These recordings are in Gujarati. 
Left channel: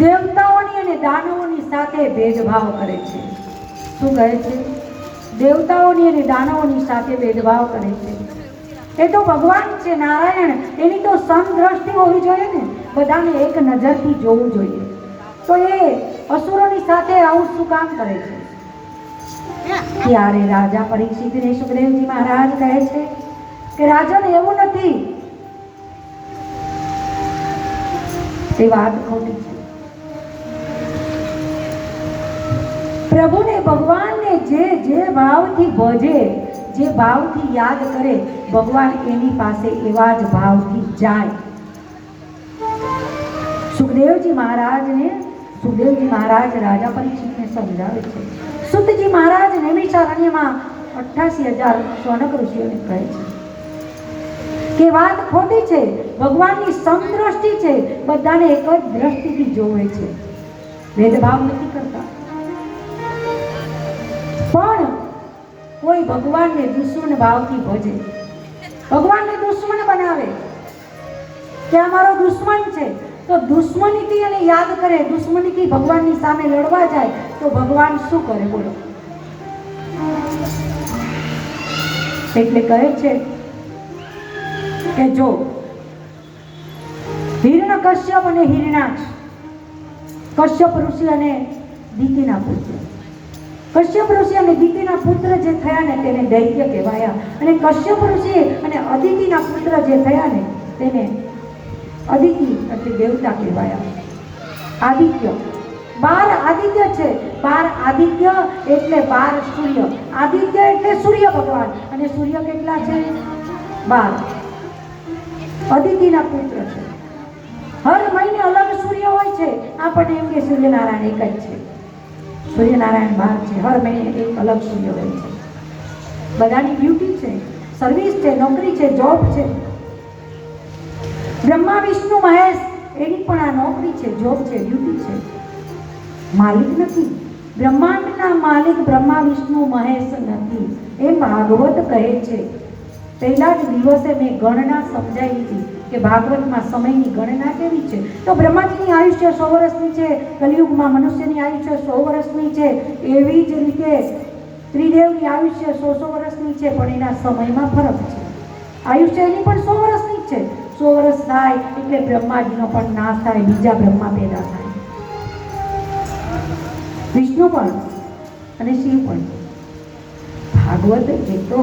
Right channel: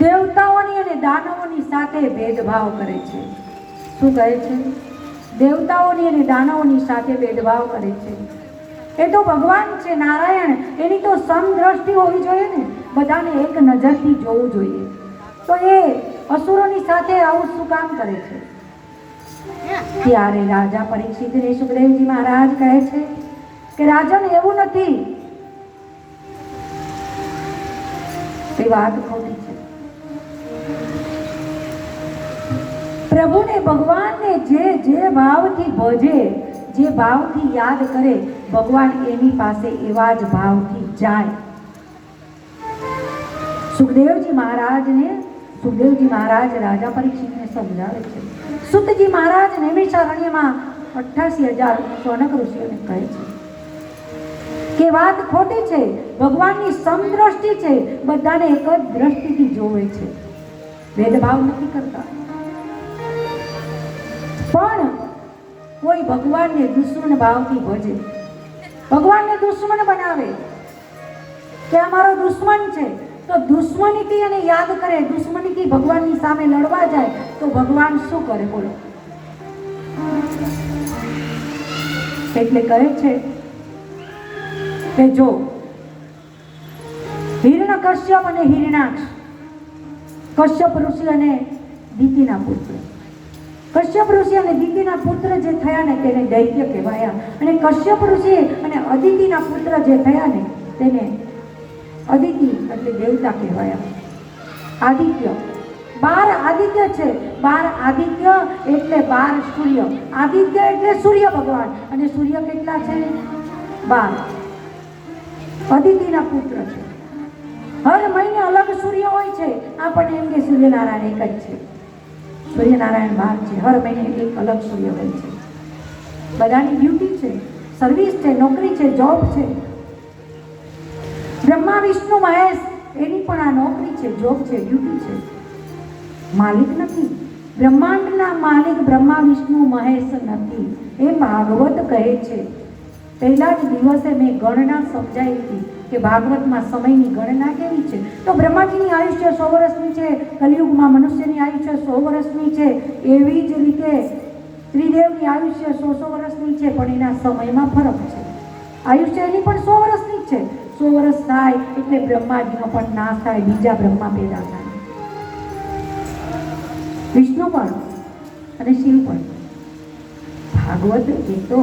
દેવતાઓની અને દાનવોની સાથે ભેદભાવ કરે છે. શું કહે છે? દેવતાઓની અને દાનવોની સાથે ભેદભાવ કરે છે. એ તો ભગવાન છે નારાયણ, એની તો સમદ્રષ્ટિ હોવી જોઈએ ને, બધાને એક નજરથી જોવું જોઈએ. તો એ અસુરોની સાથે આવું શું કામ કરે છે? ત્યારે રાજા પરીક્ષિતને સુખદેવજી મહારાજ કહે છે કે રાજન, એવું નથી, એ વાત ખોટી છે. પ્રભુને, ભગવાનને જે ભાવથી ભજે, જે ભાવથી યાદ કરે, ભગવાન એની પાસે એવા જ ભાવથી જાય. સુખદેવજી મહારાજ રાજા પરીક્ષિતને સમજાવે છે. સુતજી મહારાજ નૈમિષારણ્યમાં 88,000 શૌનક ઋષિઓને કહે છે કે વાત ખોટી છે. ભગવાનની સમદ્રષ્ટિ છે, બધાને એક જ દ્રષ્ટિથી જોવે છે, ભેદભાવ નથી કરતા. પણ કોઈ ભગવાનને દુશ્મન ભાવથી ભજે, ભગવાનને દુશ્મન બનાવે કે આ મારો દુશ્મન છે, તો દુશ્મનીથી એને યાદ કરે, દુશ્મનીથી ભગવાનની સામે લડવા જાય, તો ભગવાન શું કરે બોલો? એટલે કહે છે કે જો હિરણ્યકશ્યપ અને હિરણાક્ષ, કશ્યપ ઋષિ અને દિતિના પુત્ર, કશ્યપ ઋષિ અને દિતિના પુત્ર જે થયા ને તેને દૈત્ય કહેવાયા, અને કશ્યપ ઋષિ અને અદિતિના પુત્ર જે થયા ને તેને અદિતિ એટલે દેવતા કહેવાયા. આદિત્ય, 12 આદિત્ય છે. 12 આદિત્ય એટલે 12 સૂર્ય. આદિત્ય એટલે સૂર્ય ભગવાન, અને સૂર્ય કેટલા છે? 12. અદિતિના પુત્ર છે. હર મહિને અલગ સૂર્ય હોય છે. આપણને એમ કે સૂર્યનારાયણ એક જ છે, સૂર્યનારાયણ 12 છે. હર મહિને એક અલગ સૂર્ય હોય છે. બધાની ડ્યુટી છે, સર્વિસ છે, નોકરી છે, જોબ છે. બ્રહ્મા વિષ્ણુ મહેશ એની પણ આ નોકરી છે, જોબ છે, ડ્યુટી છે. માલિક નથી. બ્રહ્માંડના માલિક બ્રહ્મા વિષ્ણુ મહેશ નથી, એમ ભાગવત કહે છે. પહેલા જ દિવસે મેં ગણના સમજાવી હતી કે ભાગવતમાં સમયની ગણના કેવી છે. તો બ્રહ્માજીની આયુષ્ય 100 વર્ષની છે, કલિયુગમાં મનુષ્યની આયુષ્ય 100 વર્ષની છે. એવી જ રીતે ત્રિદેવની આયુષ્ય 100 વર્ષની છે, પણ એના સમયમાં ફરક છે. આયુષ્ય એની પણ 100 વર્ષની છે. 100 વર્ષ થાય એટલે બ્રહ્માજીનો પણ નાશ થાય, બીજા બ્રહ્મા પેદા થાય. વિષ્ણુ પણ અને શિવ પણ. ભાગવત એ તો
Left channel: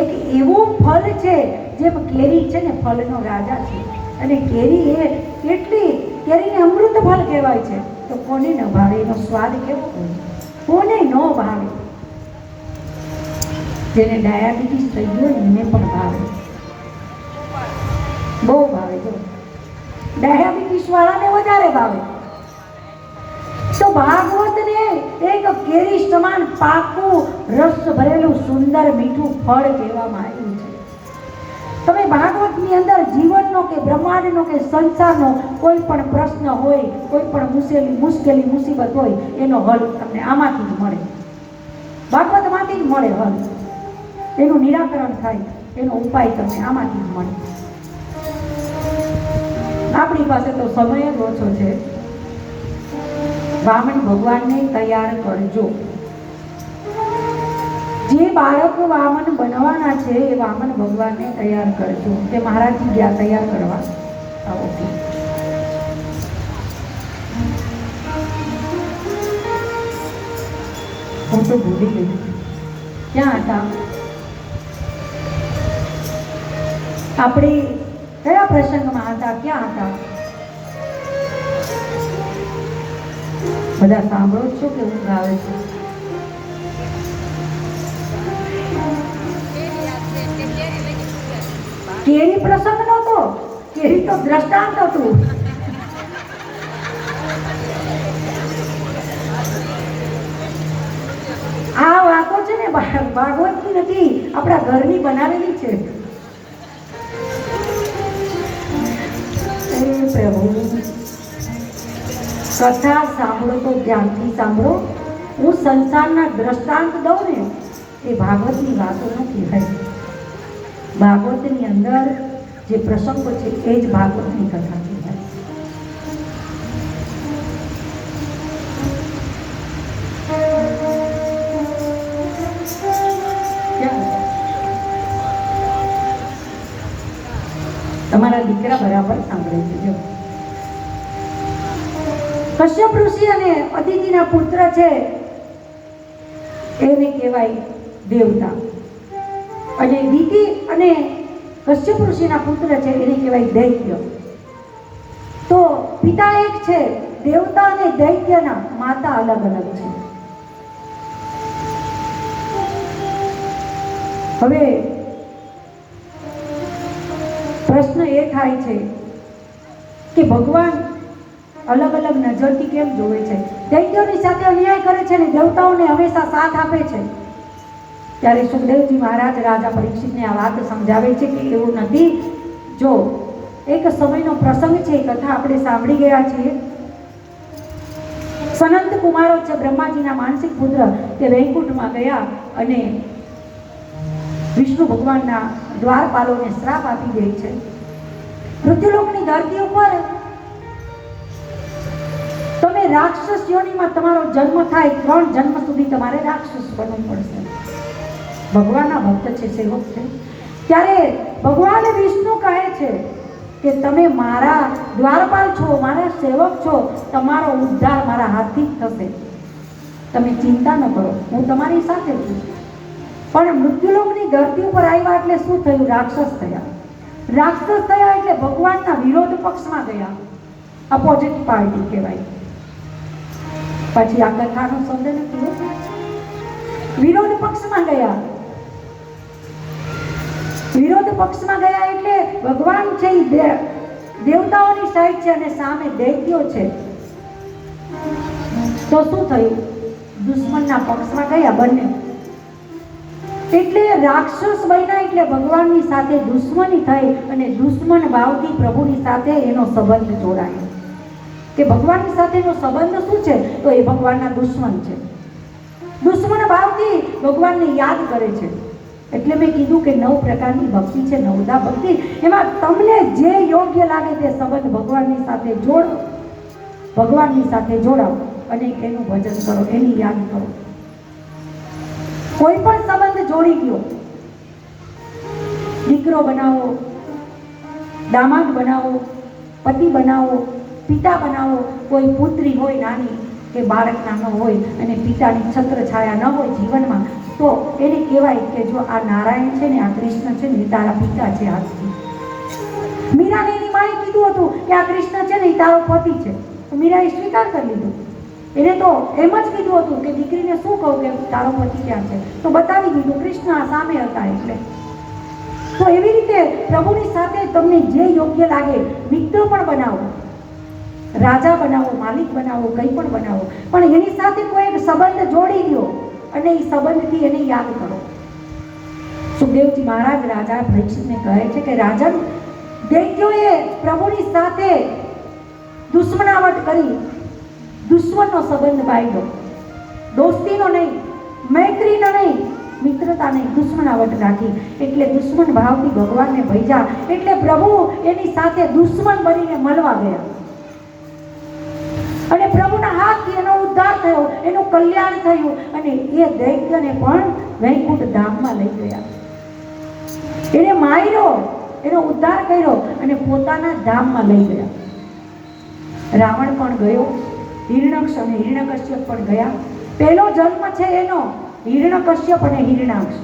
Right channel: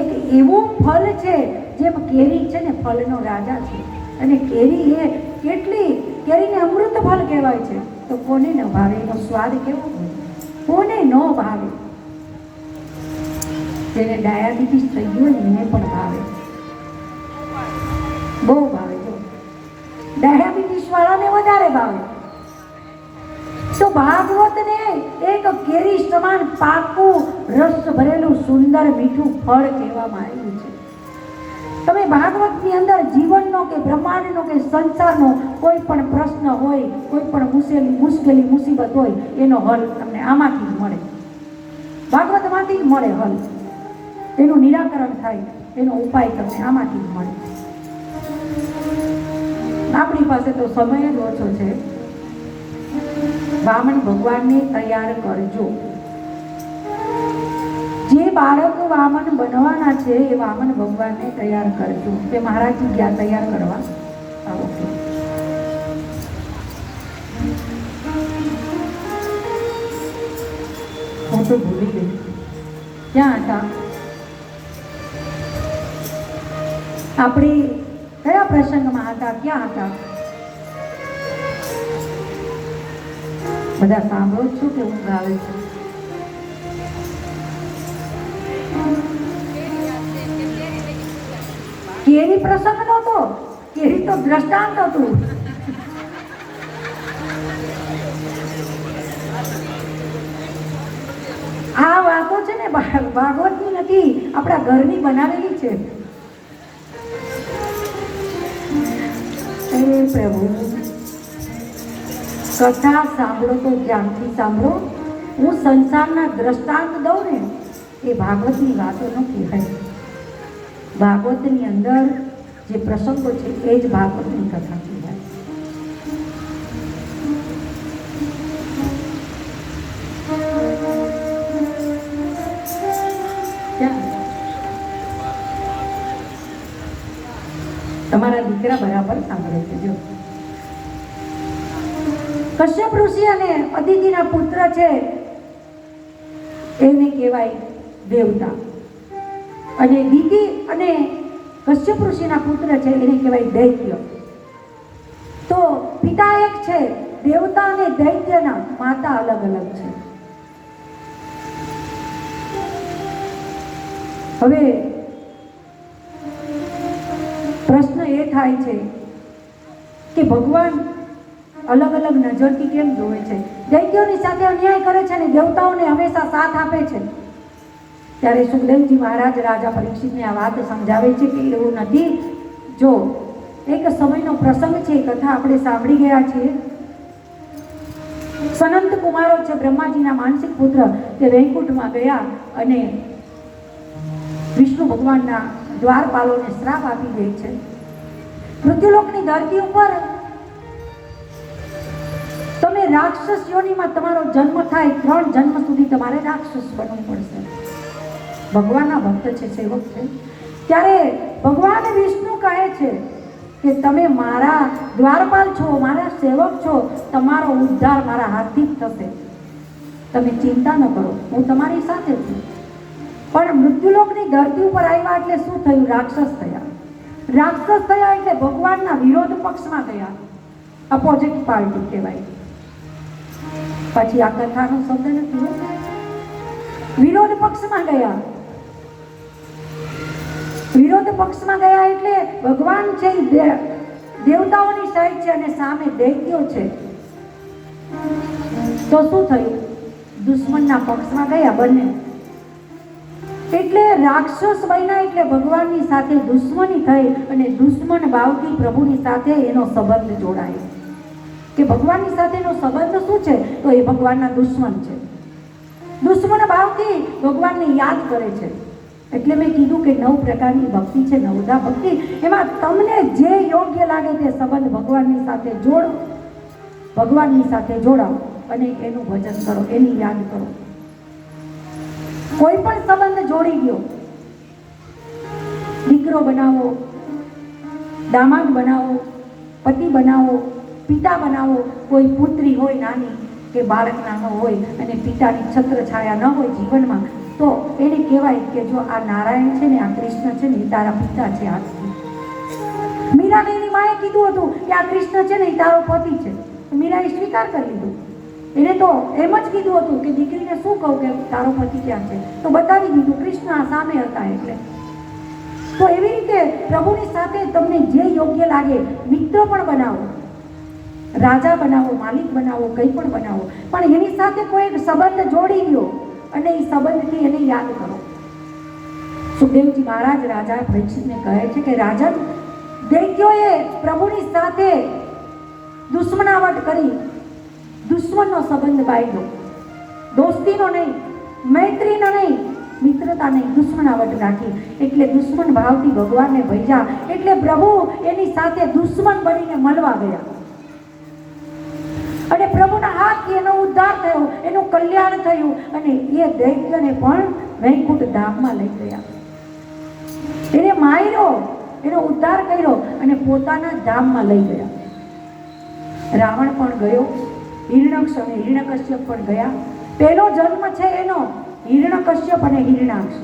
એક એવું ફળ છે, જેમ કેરી છે ને ફળનો રાજા છે, અને કેરી એ કેટલી, કેરીને અમૃત ફળ કહેવાય છે. તો કોને ન ભાવે એનો સ્વાદ કેવો હોય? કોને ન ભાવે? જેને ડાયાબિટીસ થઈ ગયો એને પણ ભાવે, બહુ ભાવે. ડાયાબિટીસ વાળાને વધારે ભાવે. તો ભાગવતને એક કેરી સમાન પાકું રસ ભરેલું સુંદર મીઠું ફળ કહેવામાં આવ્યું છે. તમે ભાગવતની અંદર જીવનનો કે બ્રહ્માંડનો કે સંસારનો કોઈ પણ પ્રશ્ન હોય, કોઈ પણ મુશ્કેલી મુસીબત હોય, એનો હલ તમને આમાંથી જ મળે, ભાગવતમાંથી જ મળે હલ. એનું નિરાકરણ થાય, એનો ઉપાય તમને આમાંથી જ મળે. આપણી પાસે તો સમય જ ઓછો છે. વામન ભગવાનને તૈયાર કરજો. જે બાળક વામન બનવાના છે એ વામન ભગવાનને તૈયાર કરજો. કે મહારાજજી ગયા તૈયાર કરવા. હું તો ભૂલી ગઈ, ક્યાં હતા આપણે? કયા પ્રસંગમાં હતા? ક્યાં હતા? બધા સાંભળો છો કે ઊંઘ આવે છે? કેરી પ્રસંગ નહોતો, કેરી તો દ્રષ્ટાંત હતું. આ વાતો છે ને ભાગવતની નથી, આપણા ઘરની બનાવેલી છે. પ્રભુ કથા સાંભળો તો ધ્યાનથી સાંભળો. હું સંસારના દ્રષ્ટાંત દઉં ને એ ભાગવતની વાતો નથી થઈ. ભાગવતની અંદર જે પ્રસંગો છે એ જ ભાગવતની કથા કહેવાય. કરે છે. જો કશ્યપ ઋષિ અને અદિતિના પુત્ર છે એને કહેવાય દેવતા, અને દિતિ અને કશ્યપ ઋષિના પુત્ર છે એને કહેવાય દૈત્ય. તો પિતા એક છે, દેવતા અને દૈત્યના માતા અલગ અલગ છે. હવે પ્રશ્ન એ થાય છે કે ભગવાન અલગ અલગ નજરથી કેમ જોવે છે? દૈત્યોની સાથે અન્યાય કરે છે અને દેવતાઓને હંમેશા સાથ આપે છે. ત્યારે સુખદેવજી મહારાજ રાજા પરીક્ષિતને આ વાત સમજાવે છે કે એવું નથી. જો એક સમયનો પ્રસંગ છે, કથા આપણે સાંભળી ગયા છીએ. સનંત કુમારો છે બ્રહ્માજીના માનસિક પુત્ર, તે વૈકુંઠમાં ગયા અને વિષ્ણુ ભગવાનના દ્વારપાલોને શ્રાપ આપી દે છે. મૃત્યુલોકની ધરતી ઉપર તમે રાક્ષસ યોનિમાં તમારો જન્મ થાય, 3 જન્મ સુધી તમારે રાક્ષસ બનવું પડશે. ભગવાનના ભક્ત છે, સેવક છે. ત્યારે ભગવાન વિષ્ણુ કહે છે કે તમે મારા દ્વારપાલ છો, મારા સેવક છો, તમારો ઉદ્ધાર મારા હાથથી જ થશે, તમે ચિંતા ન કરો, હું તમારી સાથે છું. પણ મૃત્યુલોકની ધરતી ઉપર આવ્યા એટલે શું થયું? રાક્ષસ થયા. રાક્ષસ થયા એટલે ભગવાનના વિરોધ પક્ષમાં ગયા, અપોઝિટ પાર્ટી કહેવાય. પછી આ કથાનો શબ્દ નથી, વિરોધ પક્ષમાં ગયા. વિરોધ પક્ષમાં ગયા એટલે ભગવાન છે દેવતાઓની સાઈડ છે અને સામે દૈત્યો છે. તો શું થયું? દુશ્મનના પક્ષમાં ગયા બંને. એટલે રાક્ષસ બન્યા એટલે ભગવાનની સાથે દુશ્મની થઈ અને દુશ્મન ભાવથી પ્રભુની સાથે એનો સંબંધ જોડાયો. કે ભગવાનની સાથેનો સંબંધ શું છે? તો એ ભગવાનના દુશ્મન છે. દુશ્મન ભાવથી ભગવાનને યાદ કરે છે. એટલે મેં કીધું કે 9 પ્રકારની ભક્તિ છે, 9દા ભક્તિ. એમાં તમને જે યોગ્ય લાગે તે સંબંધ ભગવાનની સાથે જોડો, ભગવાનની સાથે જોડાઓ અને એનું ભજન કરો, એની યાદ કરો. કોઈ પણ સંબંધ જોડી ગયો, દીકરો બનાવો, દામાદ બનાવો, પતિ બનાવો, પિતા બનાવો. કોઈ પુત્રી હોય નાની કે બાળક નાનો હોય અને પિતાની છત્ર છાયા ન હોય જીવનમાં, તો એને કહેવાય કે જો આ નારાયણ છે ને, આ કૃષ્ણ છે ને, એ તારા પિતા છે. આજથી મીરાની માએ કીધું હતું કે આ કૃષ્ણ છે ને, એ તારો પતિ છે. મીરાએ સ્વીકાર કરી લીધું. એને તો એમ જ કીધું હતું કે દીકરીને શું કહું કે તારો પતિ ક્યાં છે, તો બતાવી દીધું, કૃષ્ણ સામે હતા. એટલે તો એવી રીતે પ્રભુની સાથે તમને જે યોગ્ય લાગે, મિત્ર પણ બનાવો, રાજા બનાવો, માલિક બનાવો, કંઈ પણ બનાવો, પણ એની સાથે કોઈ એક સંબંધ જોડી દો અને એ સંબંધથી એને યાદ કરો. સુખદેવજી મહારાજ રાજા પરીક્ષિતને કહે છે કે રાજા, દૈત્યોએ પ્રભુની સાથે દુશ્મનાવટ કરી, દુશ્મનનો સંબંધ બાંધ્યો, દોસ્તીનો નહીં, મૈત્રીનો નહીં, મિત્રતા નહીં, દુશ્મનાવટ રાખી. એટલે દુશ્મન ભાવથી ભગવાનને ભજ્યા એટલે પ્રભુ એની સાથે દુશ્મન બનીને મળવા ગયા અને પ્રભુના હાથથી એનો ઉદ્ધાર થયો, એનું કલ્યાણ થયું અને એ દૈત્યને પણ વૈકુંઠ ધામમાં લઈ ગયા. એને માર્યો, એનો ઉદ્ધાર કર્યો અને પોતાના ધામમાં લઈ ગયા. રાવણ પણ ગયો, હિરણ્યક્ષ અને હિરણ્યકશ્યપ પણ ગયા. પહેલો જન્મ છે એનો હિરણ્યકશ્યપ અને હિરણાક્ષ.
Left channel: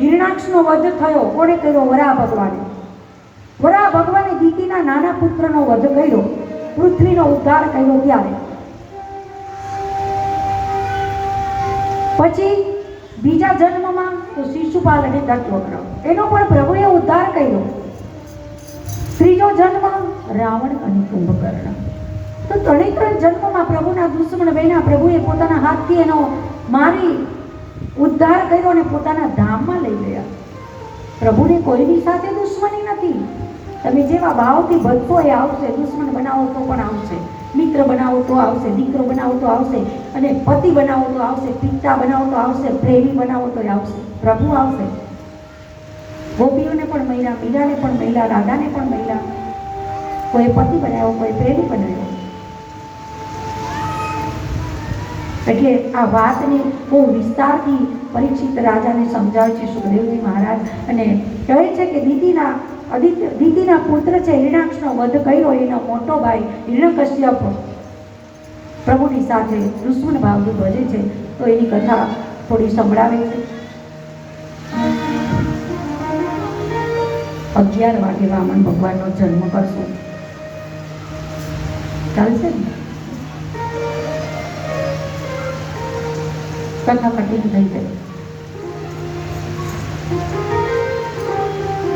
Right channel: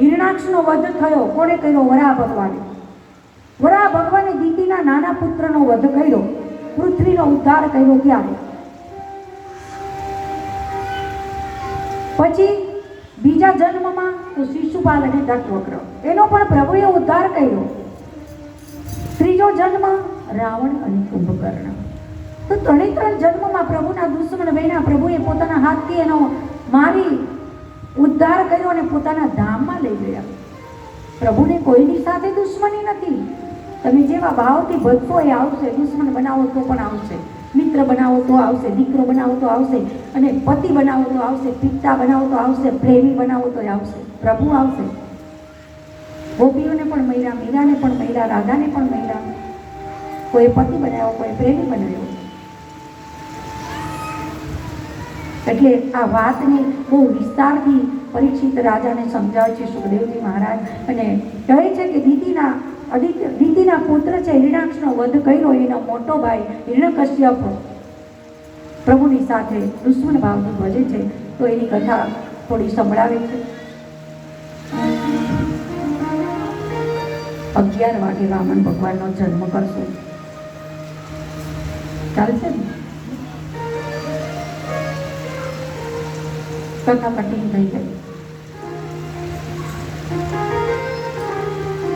હિરણાક્ષનો વધ થયો. કોણે કર્યો? વરાહ ભગવાને. વરાહ ભગવાને દીતિના નાના પુત્રનો વધ કર્યો, પૃથ્વીનો ઉદ્ધાર કર્યો. ત્યારે પછી બીજા જન્મમાં તો શિશુપાલ અને દત્તવક્ર, એનો પણ પ્રભુએ ઉદ્ધાર કર્યો. ત્રીજો જન્મ રાવણ અને કુંભકર્ણ. તો 3 જન્મમાં પ્રભુના દુશ્મન બન્યા. પ્રભુએ પોતાના હાથથી એનો મારી ઉદ્ધાર કર્યો અને પોતાના ધામમાં લઈ ગયા. પ્રભુને કોઈની સાથે દુશ્મની નથી. તમે જેવા ભાવથી ભજશો એ આવશે. દુશ્મન બનાવો તો પણ આવશે, મિત્ર બનાવો તો આવશે, દીકરો બનાવો તો આવશે, અને પતિ બનાવો તો આવશે, પિતા બનાવો તો આવશે, પ્રેમી બનાવો તો આવશે. પ્રભુ આવશે. ગોપીઓને પણ મહિલા, મીરાને પણ મહિલા, રાધાને પણ મહિલા. કોઈ પતિ બનાવ્યો, કોઈ પ્રેમી બનાવ્યો. એટલે આ વાતને બહુ વિસ્તારથી પરીક્ષિત રાજાને સમજાવે છે સુખદેવજી મહારાજ અને કહે છે કે દીદીના દિતિના પુત્ર છે હિરણાક્ષનો વધ કર્યો એનો મોટો ભાઈ હિરણ્યકશ્યપ પ્રભુની સાથે દુશ્મન ભાવનું ભજે છે. તો એની કથા થોડી સંભળાવે છે. 11 વાગે વામન ભગવાનનો જન્મ કરશે. ચાલશે ને? કથા કટિંગ થઈ ગઈ.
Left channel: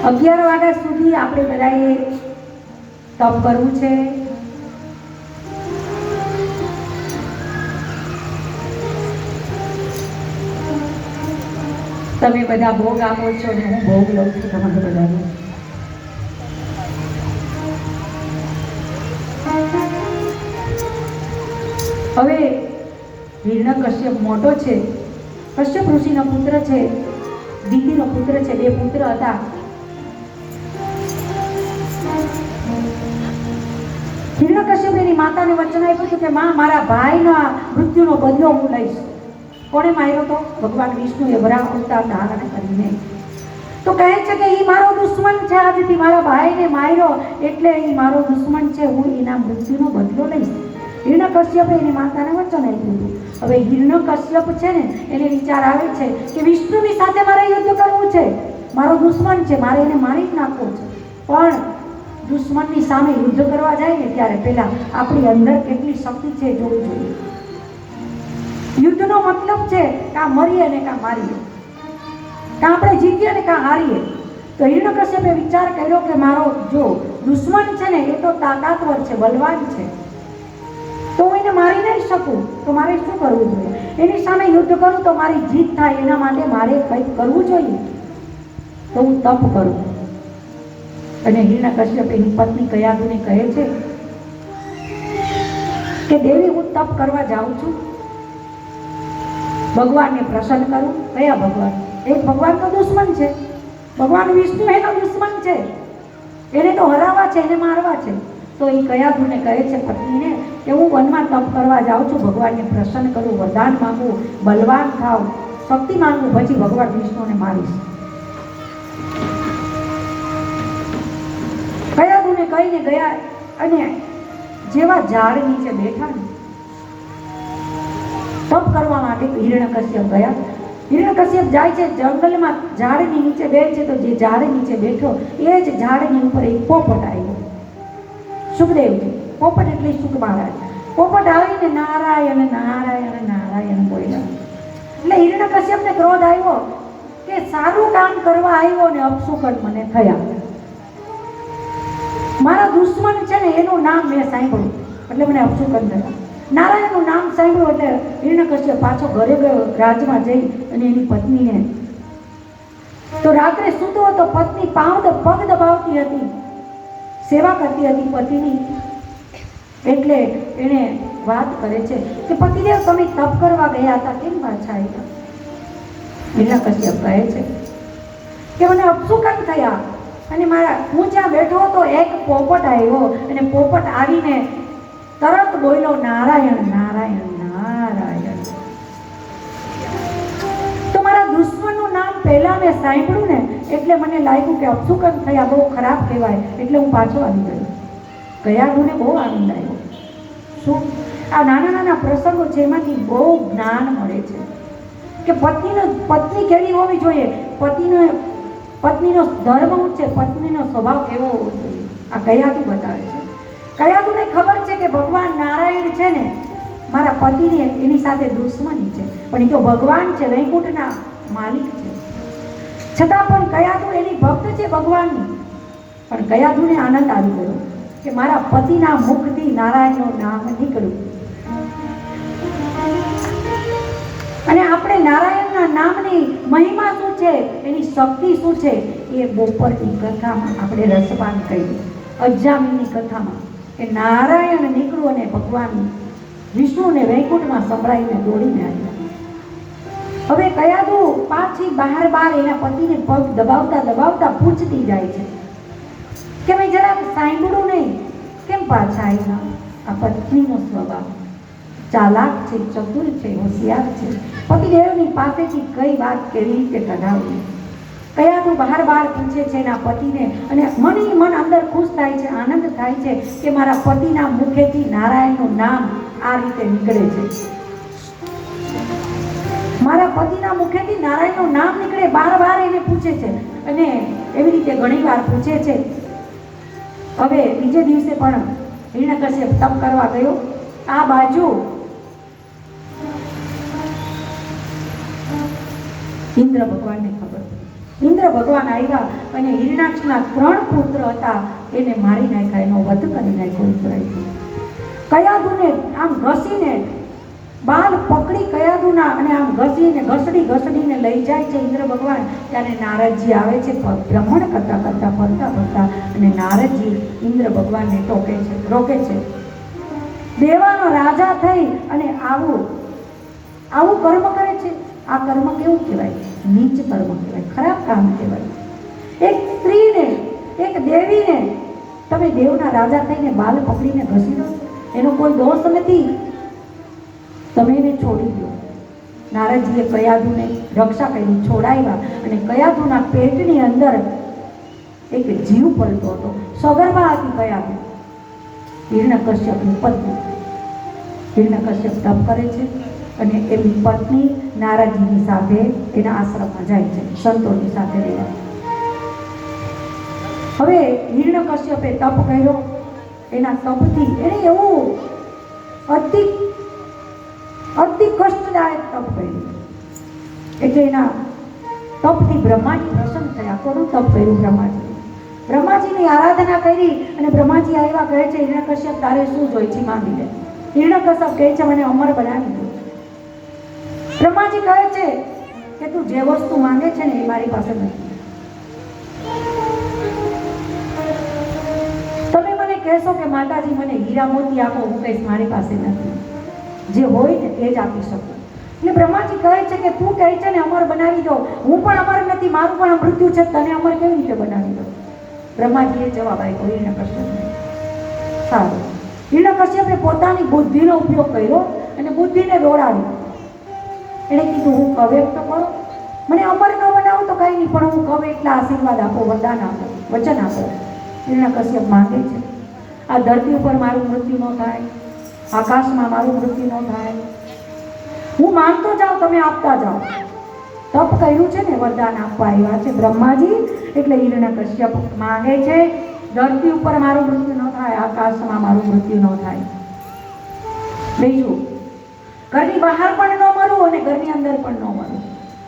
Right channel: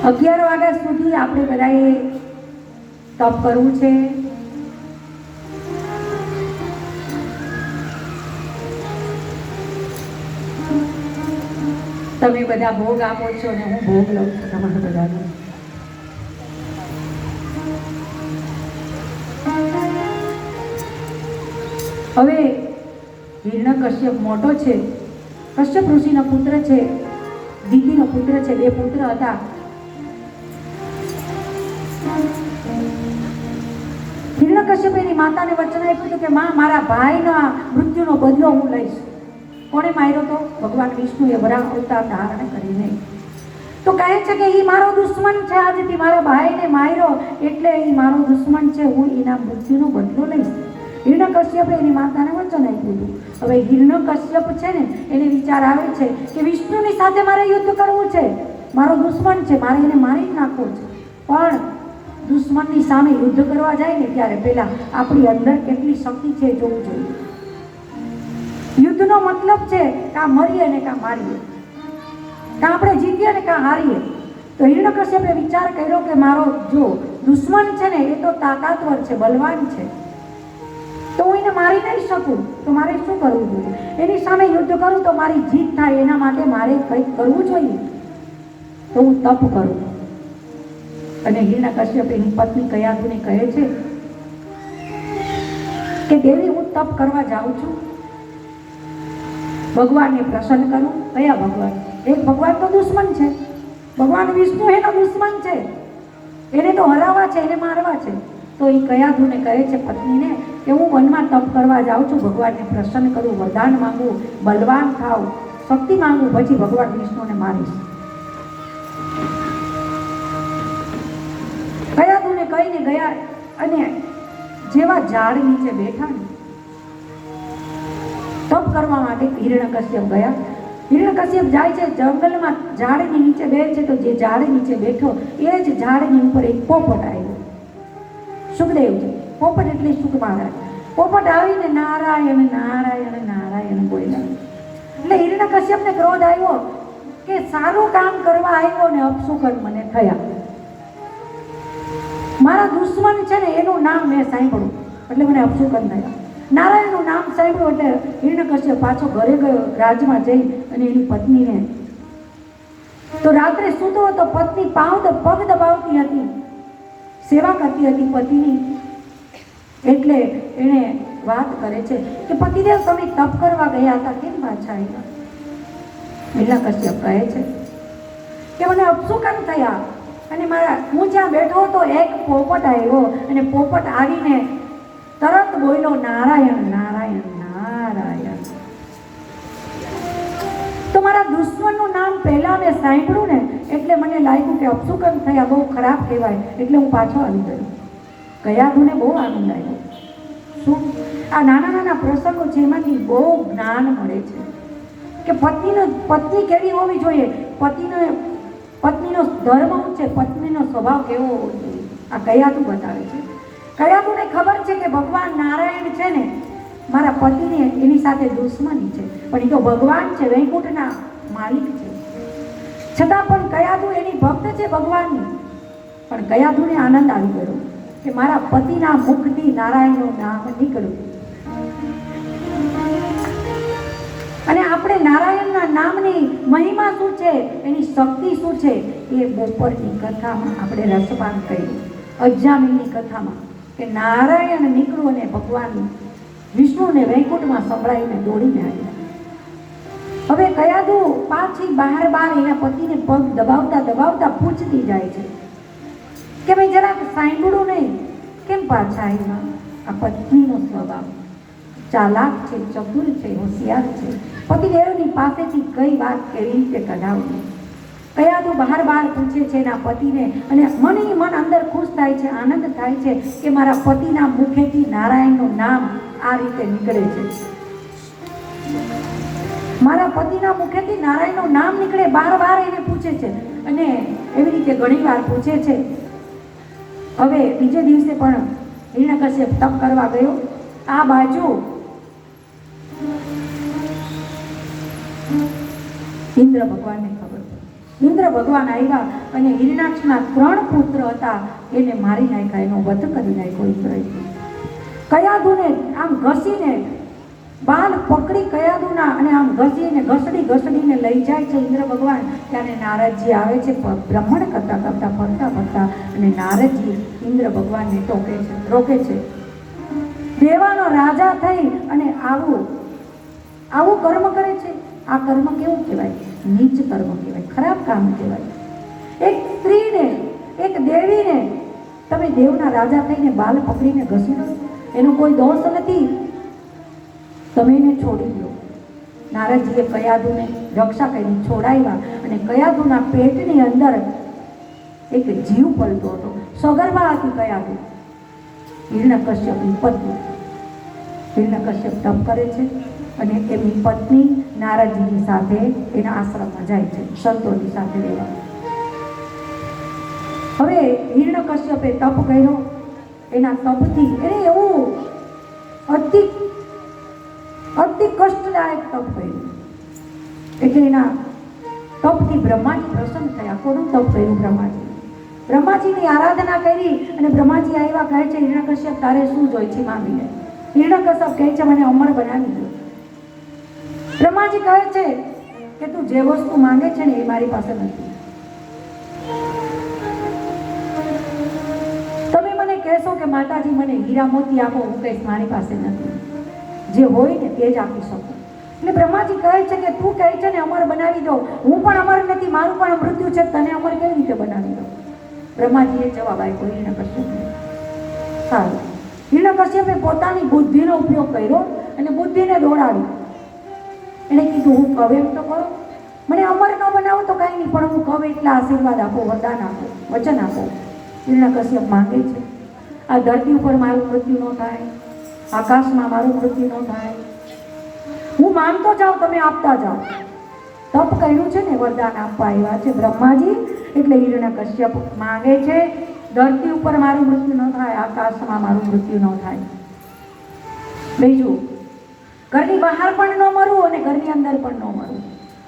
11 વાગ્યા સુધી આપણે બધાએ તપ કરવું છે. તમે બધા ભોગ આપો છો અને હું ભોગ લઉં છું તમારે બધાને. હવે હિરણ્યકશ્યપ મોટો છે, કશ્યપ ઋષિનો પુત્ર છે, દિતિનો પુત્ર છે. 2 પુત્ર હતા. હિરણ્યકશ્યપ એની માતાને વચન આપ્યું હતું કે માં, મારા ભાઈનો આ મૃત્યુનો બદલો હું લઈશ. કોણે માર્યો તો? ભગવાન વિષ્ણુએ વરાહ અવતાર ધારણ કરીને. તો કહે છે કે એ મારો દુશ્મન છે, આજથી મારા ભાઈને માર્યો એટલે એ મારો દુશ્મન છે, હું એના મૃત્યુનો બદલો લઈશ. હિરણ્યકશ્યપે એની માતાને વચન આપ્યું હતું. હવે હિરણ્યકશ્યપ છે ને, એને વિચાર આવે છે કે વિષ્ણુની સાથે મારે યુદ્ધ કરવું છે, મારો દુશ્મન છે, મારે એને મારી જ નાખવો છે. પણ દુશ્મનની સામે યુદ્ધ કરવા જાય ને ત્યારે પહેલા આપણી અંદર કેટલી શક્તિ છે જોવું જોઈએ. યુદ્ધનો મતલબ છે કાં મરીએ ને કાં મારીએ, કાં આપણે જીતીએ ને કાં હારીએ. તો હિરણ્યકશ્યપે વિચાર કર્યો કે મારો જો દુશ્મન છે ને એ તો તાકાતવર છે, બલવાન છે, તો હું એને મારી નહીં શકું. તો મારે શું કરવું જોઈએ? એની સામે યુદ્ધ કરું તો મારી જીત થાય, એના માટે મારે કંઈક કરવું જોઈએ. તો હું તપ કરું. અને હિરણ્યકશ્યપ એની પત્ની કયાધુને કહે છે કે દેવી, હું તપ કરવા જાઉં છું, ભગવાનને પ્રસન્ન કરું. કયા ભગવાન? એક ભગવાન તો દુશ્મન છે, ભગવાન વિષ્ણુ એનો દુશ્મન છે, એને તો હરાવવા છે, એને મારવા છે. તો એ કયાધુને કહે છે પત્નીને કે હું વનમાં તપ કરવા જાઉં છું, ભગવાનને પ્રસન્ન કરું, વરદાન માંગું, બલવાન થાવ, શક્તિ માંગું, પછી ભગવાન વિષ્ણુને મારીશ. કયાધુને કહીને ગયા અને જેવા ઝાડ નીચે બેઠા ને તપ કરવા માટે હિરણ્યકશ્યપ ગયા. હિરણ્યકશ્યપ જાય છે જંગલમાં, ઝાડની નીચે બેઠે છે. તો જે ઝાડ નીચે બેઠો એ જ ઝાડની ઉપર એક પોપટ આવ્યો. સુખદેવજી, પોપટ એટલે સુખ મહારાજ. પોપટ આવીને નારાયણ નારાયણ નારાયણ બોલ્યા. એટલે હિરણ્યકશ્યપને ક્રોધ આવ્યો કે સારું કામ કરવા આવ્યો ને અપશુકન મને થયા. મારા દુશ્મન છે ને એનું નામ મેં સાંભળ્યું એટલે મને અપશુકન થયા. નારાયણનું નામ સાંભળ્યું એટલે હિરણ્યકશ્યપ પાછો ઘરે ગયો, રાજમાં જઈ અને એની પત્નીને. તો રાત્રે સૂતો હતો, પત્ની પગ દબાવતી હતી, સેવા કરતી હતી પતિની. એટલે એને વાત કરે છે કે પતિદેવ, તમે તપ કરવા ગયા હતા, કેમ પાછા આવ્યા? હિરણ્યકશ્યપ કહે છે કે મને અપશુકન થયા અને હું જ્યાં બેઠો હતો એક પોપટ આવ્યો અને પોપટ આવીને તરત બોલ્યો નારાયણ નારાયણ નારાયણ. તો મારા દુશ્મનનું નામ પહેલા મેં સાંભળ્યું ને એટલે મને લાગ્યું કે અપશુકન થયા, બહુ ખરાબ કહેવાય, એટલે હું પાછો આવી ગયો. કયાધુને બહુ આનંદ આવ્યો. શું આ નાના નાના પ્રસંગો છે, એમાંથી બહુ જ્ઞાન મળે છે કે પત્ની કેવી હોવી જોઈએ, પત્નીનો ધર્મ શું છે, પત્નીનો સ્વભાવ કેવો હોવો જોઈએ. આ કયાધુ બતાવે છે. કયાધુને ખબર છે કે ભગવાન નારાયણ છે ને મારા પતિને એની સાથે દુશ્મની છે, પણ એ તો ભગવાન છે, વૈકુંઠના માલિક છે. છતાં પણ કયાધુ એની ભક્ત છે ભગવાનની. પણ કયાધુને આનંદ આવી ગયો કે મારા પતિના મુખથી નારાયણનું નામ નીકળ્યું. અને આપણે નારાયણના નામની મહિમા શું છે, એની શક્તિ શું છે, એ બપોરની કથામાં આપણે રસપાન કર્યું. અજામિલની કથામાં કે નારાયણ નીકળ્યું અને ભગવાન વિષ્ણુને વૈકુંઠમાં સંભળાવીને દોડીને આવ્યા. હવે કયાધુ પાછી બહાર એના પતિને પગ દબાવતા પૂછતી જાય છે કે ભાઈ જરાક સાંભળું નહીં, કેમ પાછા આવ્યા? આ પત્નીનો સ્વભાવ ચાલાક છે, ચતુર છે, હોશિયાર છે. પતિદેવની પાસેથી કઈ વાત કેવી રીતે કઢાવવી. કયાદુ બહાર બહાર પૂછે છે એના પતિને, અને મન અંદર ખુશ થાય છે, આનંદ થાય છે કે મારા પતિના મુખેથી નારાયણનું નામ આ રીતે નીકળે છે, મારા પતિના મુખેથી નારાયણનું નામ નીકળે. બાર બાર એને પૂછે છે અને એવી રીતે ઘણી વાર પૂછે છે. હવે બીજે દિવસે પણ હિરણ્યકશ્યપ તપ કરવા ગયો. આ બાજુ ઇન્દ્ર ભગવાનને ખબર, ઇન્દ્ર ભગવાન આવ્યા અને હિરણાક્ષના 3 પુત્ર હતા એને મારી નાખ્યા, એનો વધ કરી નાખ્યો ઇન્દ્રએ. કયાદુને આમ ઘસીને બાલ પકડી કયાદુના અને આમ ઘસડીને લઈ જાય છે ઇન્દ્ર ભગવાન. ત્યારે નારદજી આવે છે ભ્રમણ ફરતા અને નારદજી ઇન્દ્ર ભગવાનને રોકે છે. દેવાનો રાજા થઈ અને આવું કર્મ કરે છે. આ કર્મ કેવું કહેવાય? નીચ કર્મ કહેવાય, ખરાબ કામ કહેવાય. એક સ્ત્રીને, એક દેવીને તમે દેવના રાજા થઈને બાલ પકડીને ઘસી દો, એનો કોઈ દોષ નથી, તમે એને છોડી દો. નારદજીએ કયાદુને રક્ષા કરી, છોડાવ્યા અને કયાદુના પેટની અંદર એક જીવ પલતો હતો. સગર્ભા હતી કયાદુ, હિરણ્યકશ્યપની પત્ની. હિરણ્યકશ્યપ તપ કરે છે અને એની પત્ની નારદજીની સાથે એના આશ્રમમાં જાય છે, સંતોની સાથે રહેવા. હવે હિરણ્યકશ્યપે તપ કર્યો. એના તપથી એને એવું અતિ કષ્ટદાયક તપ કર્યું, એટલે એના તપથી બ્રહ્માજી પ્રસન્ન થયા. કોનું તપ કર્યું? બ્રહ્માજીની આરાધના કરી અને બ્રહ્માજી આવ્યા, કહે છે હિરણ્યકશ્યપ તારે શું જોઈ છે માંગીને. હિરણ્યકશ્યપ કહે છે મને અમર બનાવી દો. બ્રહ્માજી કહે છે કે તું જે વસ્તુ માંગે છે ને એ મારી પાસે નથી. તમે મને કહેશો કે માતાજી મને હીરા મોતી આપો, હું કહીશ મારી પાસે નથી, જે હોય ને તે જ આપી શકું. એટલે બ્રહ્માજી કહે છે કે તું કહે છે ને અમર બનાવી દો, હું પણ અમર નથી, મારું પણ મૃત્યુ છે, તને અમર કેવી રીતે બનાવી દો? બ્રહ્માજીએ જવાબ આપ્યો હિરણ્યકશ્યપને. સારું, હિરણ્યકશ્યપે પોતાની બુદ્ધિનો ઉપયોગ કર્યો અને બુદ્ધિને દોડાવી. એણે કીધું હું કહું એમ તો કરો, મને અમર ન બનાવું તો કંઈ નહીં, પણ હું કહું એટલા આશીર્વાદ આપો, વરદાન આપો, વચન આપો. હિરણ્યકશ્યપ માંગે છે આ ધરતી ઉપર મારું મૃત્યુ ન થાય, આકાશમાં મારું મૃત્યુ ન થાય, હું માંગતો જાઉં, તમે આપતા જાઓ. તપ કર્યું છે ને, વરદાન આપવા આવ્યા છે બ્રહ્માજી. એટલે હિરણ્યકશ્યપ માંગે છે ધરતી ઉપર મારું મૃત્યુ ન થાય, આકાશમાં મારું મૃત્યુ ન થાય. બીજું, ઘરની બહાર પણ ન મરું અને ઘરની અંદર પણ ન મરું.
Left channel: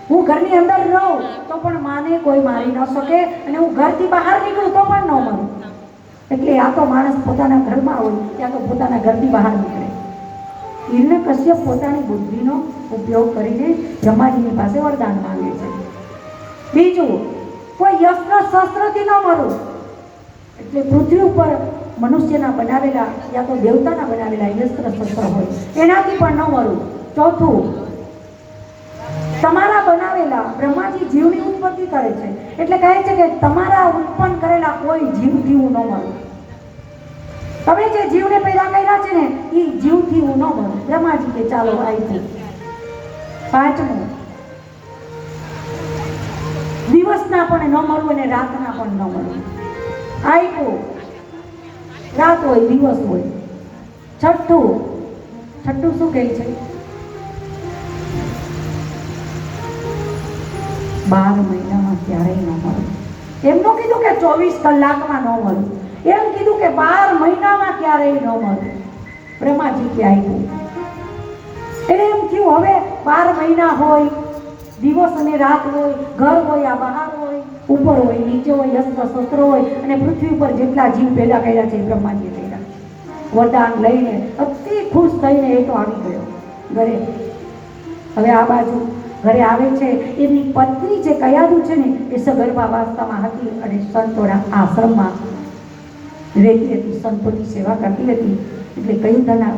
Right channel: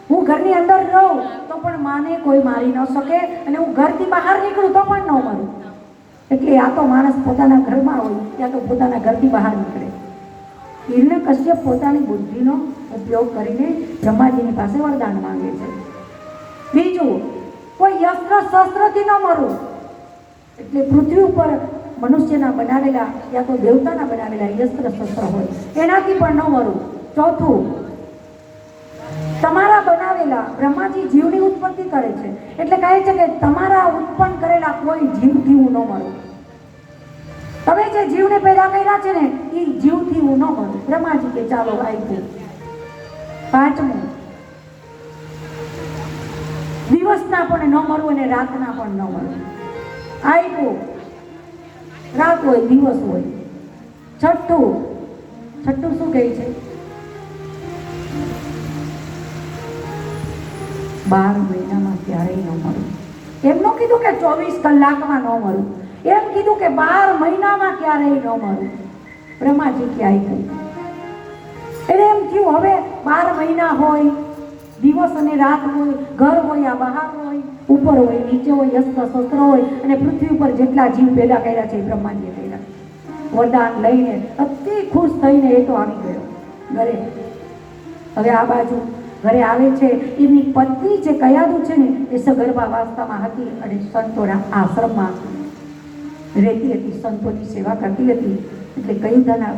હું ઘરની અંદર રહું તો પણ માને કોઈ મારી ન શકે, અને હું ઘરથી બહાર નીકળું તો પણ ન મરું. એટલે આ તો માણસ પોતાના ઘરમાં હોય ત્યાં તો પોતાના ઘરથી બહાર નીકળે. હિરણ્યકશ્યપ પોતાની બુદ્ધિનો ઉપયોગ કરીને બ્રહ્માજીની પાસે વરદાન માંગે છે. બીજું, કોઈ યસ્ત્ર શસ્ત્રથી ન મરું, એટલે પૃથ્વી ઉપર મનુષ્યના બનાવેલા યા તો દેવતાના બનાવેલા યસ્ત્ર શસ્ત્ર હોય એનાથી પણ ન મરું. ચોથું, તમારા બનાવેલા, બ્રહ્માજી જીવની ઉત્પત્તિ કરે છે એટલે કહે છે કે તમારા ઉત્પન્ન કરેલા કોઈ જીવથી હું ન મરું. તમે જે જીવને પેદા કર્યા છે ને એ જીવથી હું ન મરું. બ્રહ્માજી કે ચાલો આપ્યું. પાંચમું, દિવસના પણ ન મરું અને રાતના પણ ન મરું. આપ્યું, રાત હોય દિવસ હોય. છઠ્ઠું શું કહે છે? 12 મહિનામાં ક્યારેય ન મળે. એમ ન કીધું કે 24 કલાકમાં ન મળું, એમ કીધું કે 12 મહિનામાં ક્યારેય ન મળું. બ્રહ્માજી કે આપ્યું. એટલે એમ થયું હવે 12 મહિના હોય, દિવસ અને રાત હોય, ઘર હોય આ બહાર હોય, ઉપર હોય નીચે હોય, અસ્ત્ર શસ્ત્ર હોય, અને પૃથ્વી ઉપર જેટલા જીવ પેદા કર્યા છે એ બ્રહ્માજીએ કર્યા. વરદાન લઈને અતિ ખુશ થઈને એ તો આવી ગયો ઘરે. હવે આ બાજુ ઘરે આવે છે, એની પત્ની જે કયાદુ છે ને એ સગર્ભાવસ્થામાં હતી અને સંતોના આશ્રમમાં રહેતી હતી, સંતોની સેવા કરતી હતી. એટલે